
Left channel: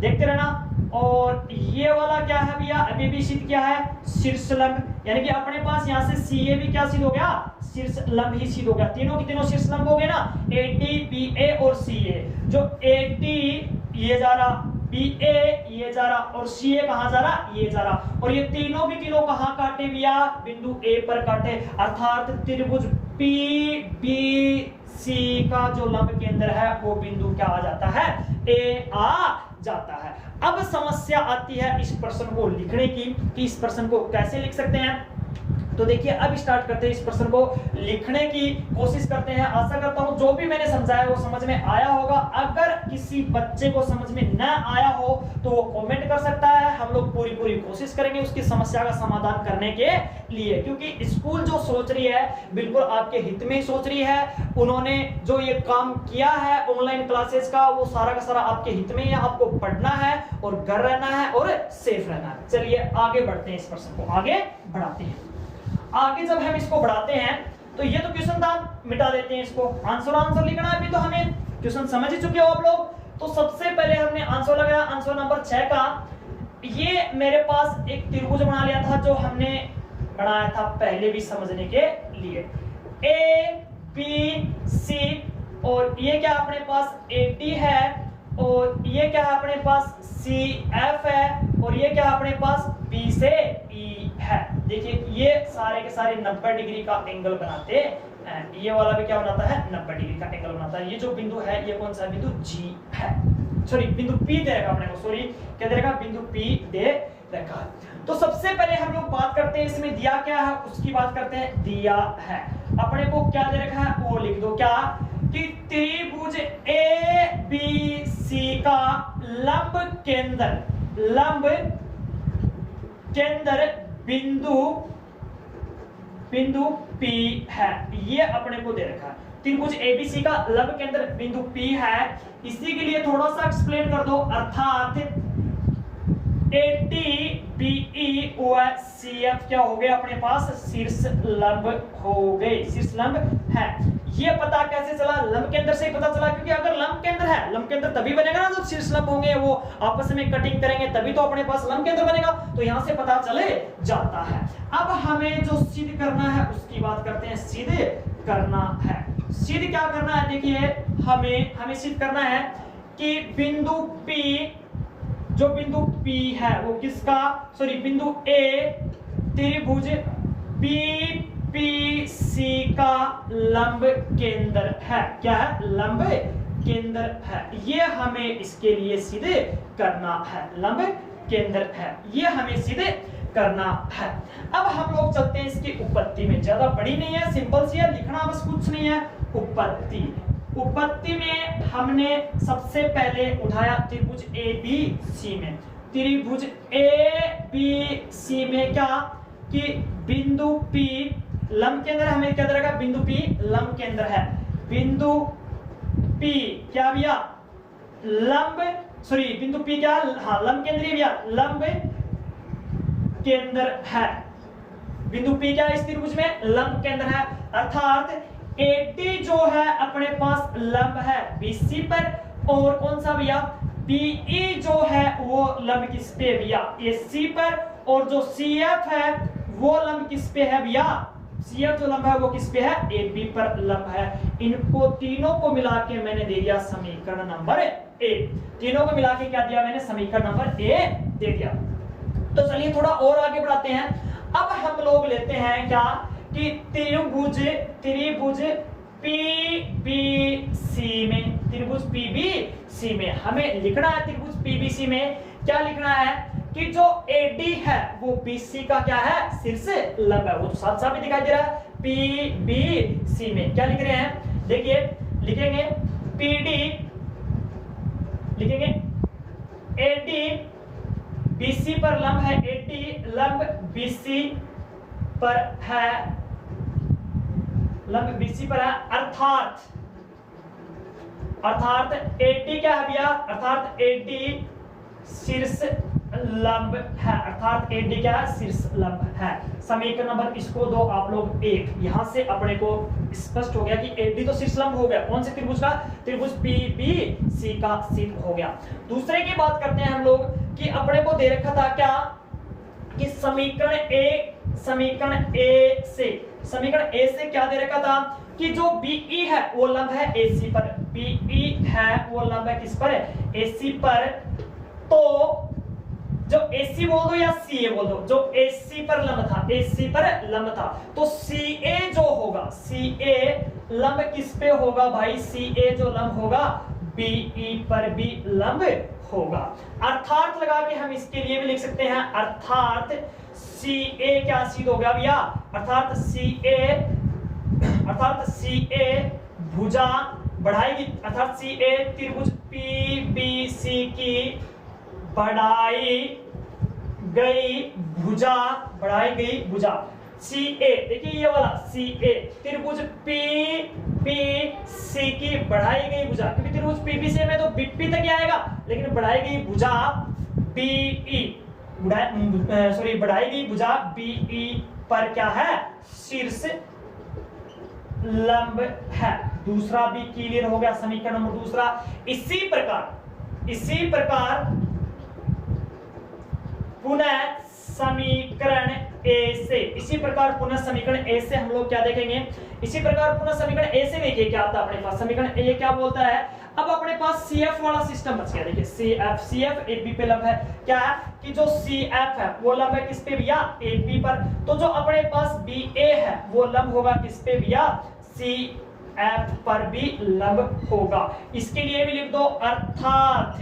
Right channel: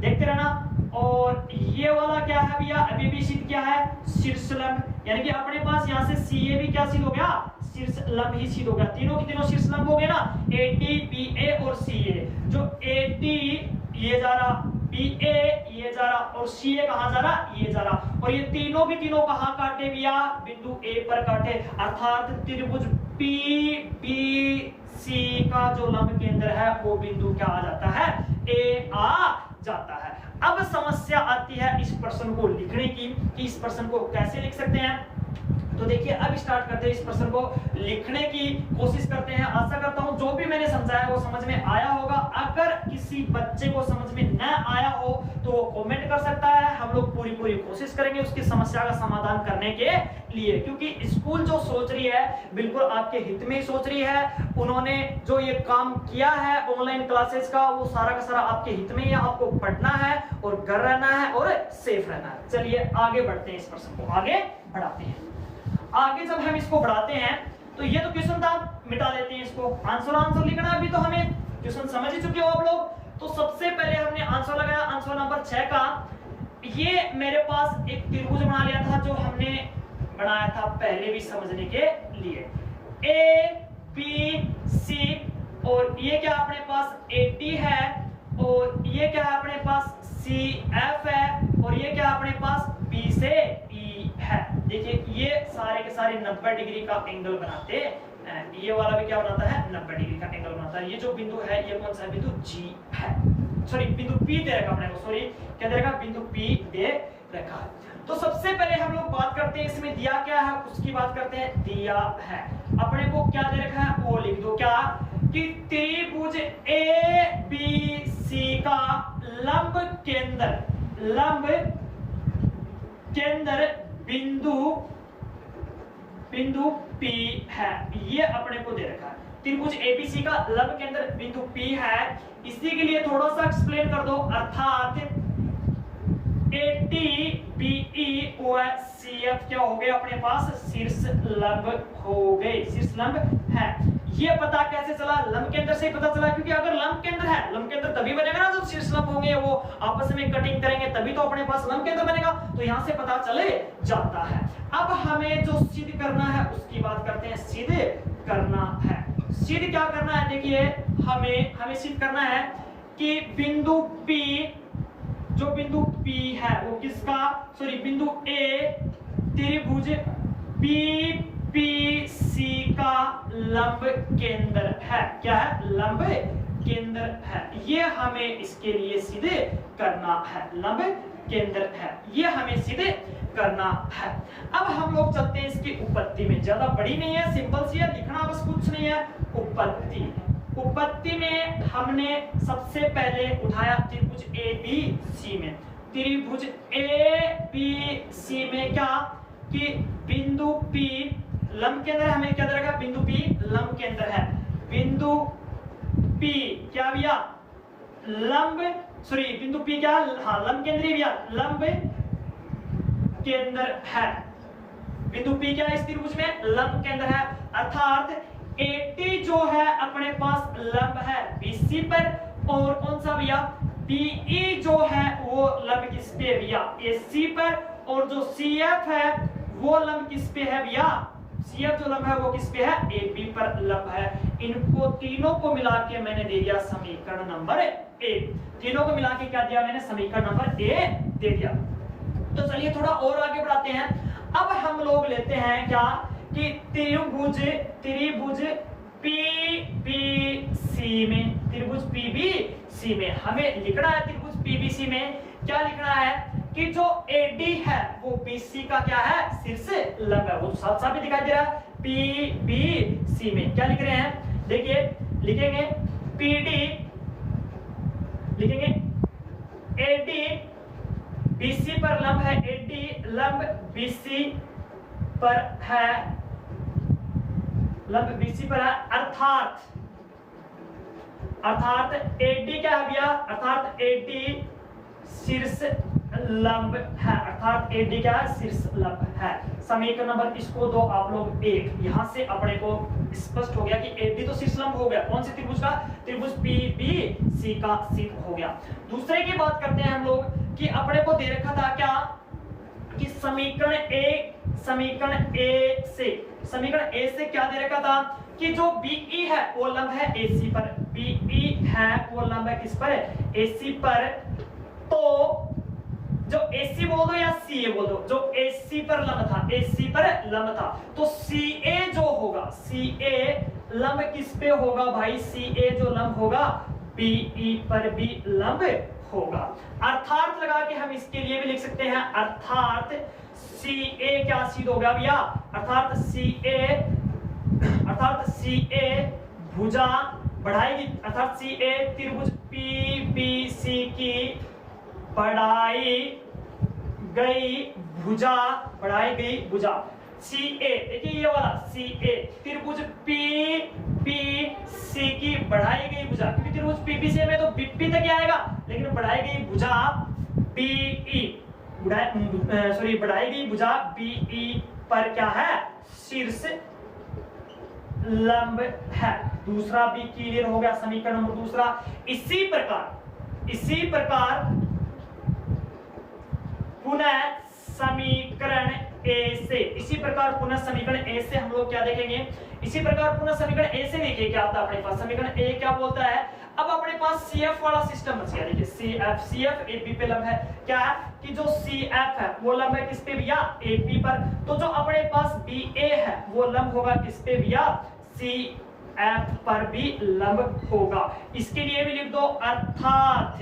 देखते रहना। और ये वाला क्या है भैया, अभी भी सिद्ध क्या है, शीर्ष लंब, यानी कि अपने पास यहाँ से सी ए भी क्या सिद्ध हो गया, शीर्ष लंब ही सिद्ध हो गया। तीनों की तीनों शीर्ष लंब हो गए ना, ए टी बी ए और सी ए। जो ए टी ये जा रहा, बी ए ये जा रहा और सी ए कहां जा रहा, ये जा रहा। और ये तीनों की तीनों कहां काटे भैया, बिंदु ए पर काटे। अर्थात त्रिभुज पी बी सी का जो लंब केंद्र है वो बिंदु क्या आ जाता है, ए आ जाता है। अब समस्या आती है इस प्रश्न को लिखने की, कि इस प्रश्न को कैसे लिख सकते हैं। तो देखिए अब स्टार्ट करते हैं, इस प्रश्न को लिखने की कोशिश करते हैं। आशा करता हूं जो भी मैंने समझाया वो समझ में आया होगा। अगर किसी बच्चे को समझ में न आया हो तो वो कमेंट कर सकता है, हम लोग पूरी कोशिश करेंगे उसकी समस्या का समाधान करने के लिए। क्योंकि स्कूल जो सोच रही है बिल्कुल आपके हित में ही सोच रही है। उन्होंने जो ये काम किया है ऑनलाइन क्लासेस का, वो सारा का सारा आपके हित में ही है। आपको पढ़ना है और घर रहना है और सेफ रहना है। चलिए आगे बढ़ते हैं, इस प्रश्न को आगे बढ़ाते हैं। आगे जब हम इसको बढ़ाते हैं तो ये तो क्वेश्चन था, मिटा देते हैं इसको। आंसर लिखना है, अभी तो हमें क्वेश्चन समझ ही चुके हो आप लोग। तो सबसे पहले हमने आंसर लगाया, आंसर नंबर 6 का। ये मेरे पास एक त्रिभुज बना लिया था जो हमने बनाया था पहले भी समझने के लिए, ए बी सी। और ये क्या अपने पास ए डी है, और ये क्या है अपने पास सी एफ है, और ये क्या अपने पास बी से ई है। देखिए ये सारे के सारे 90 डिग्री का एंगल बनाते हैं। ये वाला भी क्या बनाता है, 90 डिग्री का एंगल बनाता है। ये जो बिंदु है ये कौन सा बिंदु, जी है, सॉरी बिंदु पी दे रखा अपने को, सॉरी क्या दे रखा, बिंदु पी दे रखा है। तो सबसे पहले हम लोग बात करते हैं इसमें दिया क्या है उसकी बात करते हैं। दिया है अपने को क्या दे रखा है वो लिख दो, क्या कि त्रिभुज ए बी सी का लंब केंद्र बिंदु P है। ये अपने को दे रखा है त्रिभुज एबीसी का लंब केंद्र बिंदु P है। इसी के लिए थोड़ा सा एक्सप्लेन कर दो, अर्थात AT BE और CF क्या हो गए अपने पास, शीर्ष लंब हो गए, शीर्ष लंब है। ये पता कैसे चला, लंब केंद्र से पता चला, क्योंकि अगर लंब केंद्र है, लंब केंद्र तभी बनेगा ना जब शीर्ष लंब होंगे, वो आपस में कटिंग करेंगे तभी तो अपने पास लंब केंद्र बनेगा। तो यहां से पता चले जाता है। अब हमें जो सिद्ध करना है उसकी बात करते हैं, सिद्ध करना है। सिद्ध क्या करना है, देखिए हमें सिद्ध करना है कि बिंदु P, जो बिंदु P है वो किसका, सॉरी बिंदु A त्रिभुज PPC का लंब केंद्र है। क्या है, लंब केंद्र है। ये हमें इसके लिए सिद्ध करना है, लंब केंद्र है, ये हमें सिद्ध करना है। अब हम लोग चलते हैं इसकी उत्पत्ति में, ज्यादा बड़ी नहीं है, सिंपल सी है, लिखना बस कुछ नहीं है। उत्पत्ति में हमने सबसे पहले उठाया त्रिभुज ABC में, त्रिभुज ABC में क्या कि बिंदु P लंब केंद्र, हमें क्या रखा, बिंदु P लंब केंद्र है। बिंदु P क्या भैया, लंब, सॉरी बिंदु P क्या, हाँ लंब केंद्रीय भैया, लंब केंद्र है। बिंदु P क्या है इस त्रिभुज में, लंब केंद्र है। अर्थात AT जो है अपने पास लंब है BC पर, और कौन सा भैया BE जो है वो लंब किस पे भैया, AC पर, और जो CF है वो लंब किस पे है भैया, CF जो लंब है वो किस पे है, AB पर लंब है। इनको तीनों को मिला के मैंने दे दिया समीकरण नंबर 1। तीनों को मिला के क्या दिया मैंने, समीकरण नंबर 1 दे दिया। तो चलिए थोड़ा और आगे बढ़ाते हैं। अब हम लोग लेते हैं क्या कि त्रिभुज PBC में हमें लिखना है, त्रिभुज PBC में क्या लिखना है कि जो AD है वो BC का क्या है, शीर्ष लंब है। वो साथ साथ भी दिखाई दे रहा है। PBC में क्या लिख रहे हैं, देखिए लिखेंगे PD, लिखेंगे AD BC पर लंब है, AD लंब BC पर है, लंब BC पर है। अर्थात एडी क्या है भैया, अर्थात एडी शीर्ष लंब है, अर्थात एडी क्या है, शीर्ष लंब है। समीकरण नंबर इसको दो आप लोग 1। यहां से अपने को स्पष्ट हो गया कि एडी तो शीर्ष लंब हो गया, कौन से त्रिभुज का, त्रिभुज पीबीसी का शीर्ष हो गया। दूसरे की बात करते हैं हम लोग कि अपने को दे रखा था क्या कि समीकरण ए से क्या दे रखा था कि जो बीई है वो लंब है एसी पर, बीई है वो लंब है किस पर, एसी पर। तो जो एसी बोल दो या सीए बोल दो, जो एसी पर लंब था, एसी पर लंब था, तो सीए जो होगा, सीए लंब किस पे होगा भाई, सीए जो लंब होगा बीई पर भी लंब होगा। अर्थात लगा के हम इसके लिए भी लिख सकते हैं, अर्थात सीए क्या सिद्ध होगा भैया, अर्थात सीए भुजा बढ़ाएगी, अर्थात सीए त्रिभुज पीबीसी की बढ़ाई गई भुजा, बढ़ाई गई भुजा। सीए देखिए ये वाला सीए त्रिभुज पीबीसी की बढ़ाई गई भुजा, क्योंकि त्रिभुज पीबीसी में तो बीपी तक आएगा, लेकिन बढ़ाई गई भुजा बीई, बढ़ाई गई भुजा बीई पर क्या है, शीर्ष लंब है। दूसरा भी क्लियर हो गया, समीकरण नंबर दूसरा। इसी प्रकार पुनः समीकरण ए से हम लोग क्या देखेंगे, इसी प्रकार पुनः समीकरण ए से देखिए क्या आता है अपने पास, समीकरण ए क्या बोलता है, अब अपने पास सीएफ वाला सिस्टम बच गया। देखिए सीएफ एपी पे लंब है, क्या है कि जो सीएफ है वो लंब है किस पे भैया, एपी पर। तो जो अपने पास बीए है वो लंब होगा किस पे भैया, सीएफ पर भी लंब होगा। इसके लिए भी लिख दो, अर्थात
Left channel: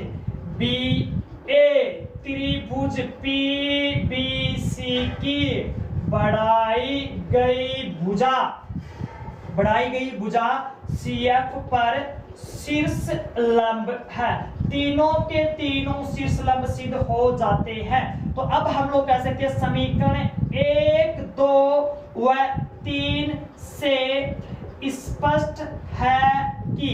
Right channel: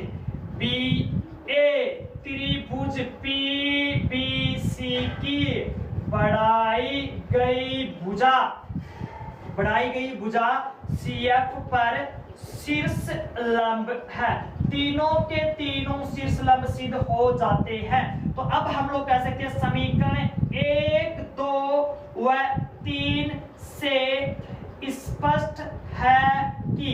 बीए त्रिभुज पीबीसी की बढ़ाई गई भुजा सीएफ पर शीर्ष लंब है। तीनों के तीनों शीर्ष लंब सिद्ध हो जाते हैं। तो अब हम लोग कह सकते हैं समीकरण 1, 2 व 3 से स्पष्ट है कि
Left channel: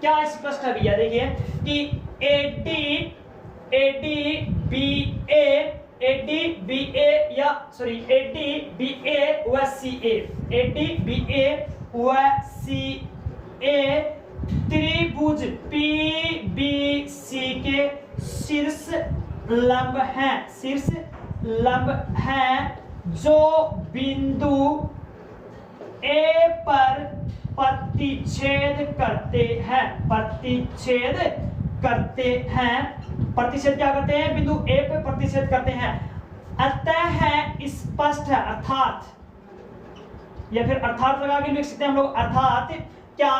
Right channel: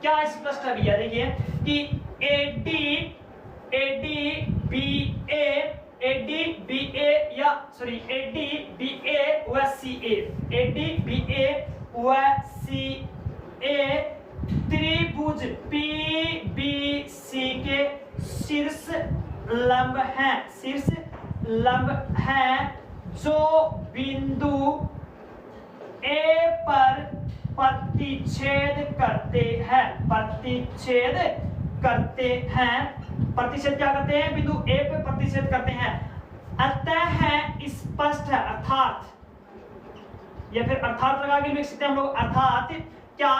क्या स्पष्ट है भैया, देखिए कि एडी बीए व सीए त्रिभुज पीबीसी के शीर्ष लंब हैं जो बिंदु ए पर प्रतिच्छेद करते हैं, प्रतिच्छेद क्या करते हैं, बिंदु ए पर प्रतिच्छेद करते हैं। अतः है स्पष्ट है, अर्थात या फिर अर्थात लगा के लिख सकते हैं हम लोग, अर्थात क्या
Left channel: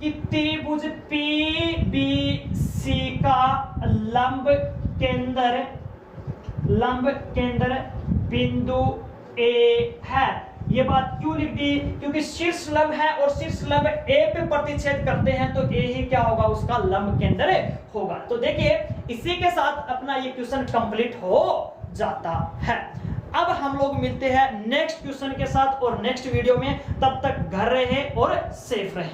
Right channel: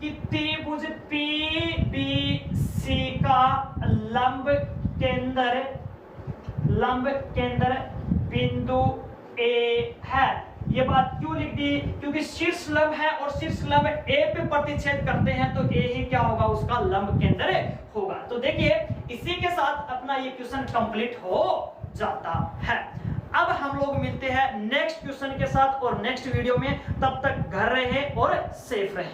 कि त्रिभुज पीबीसी का लंब केंद्र बिंदु ए है। ये बात क्यों लिख दी, क्योंकि शीर्ष लंब है और शीर्ष लंब ए पे प्रतिच्छेद करते हैं, तो ए ही क्या होगा, उसका लंब केंद्र होगा। तो देखिए इसी के साथ अपना ये क्वेश्चन कंप्लीट हो जाता है। अब हम लोग मिलते हैं नेक्स्ट क्वेश्चन के साथ और नेक्स्ट वीडियो में, तब तक घर रहे और सेफ रहे।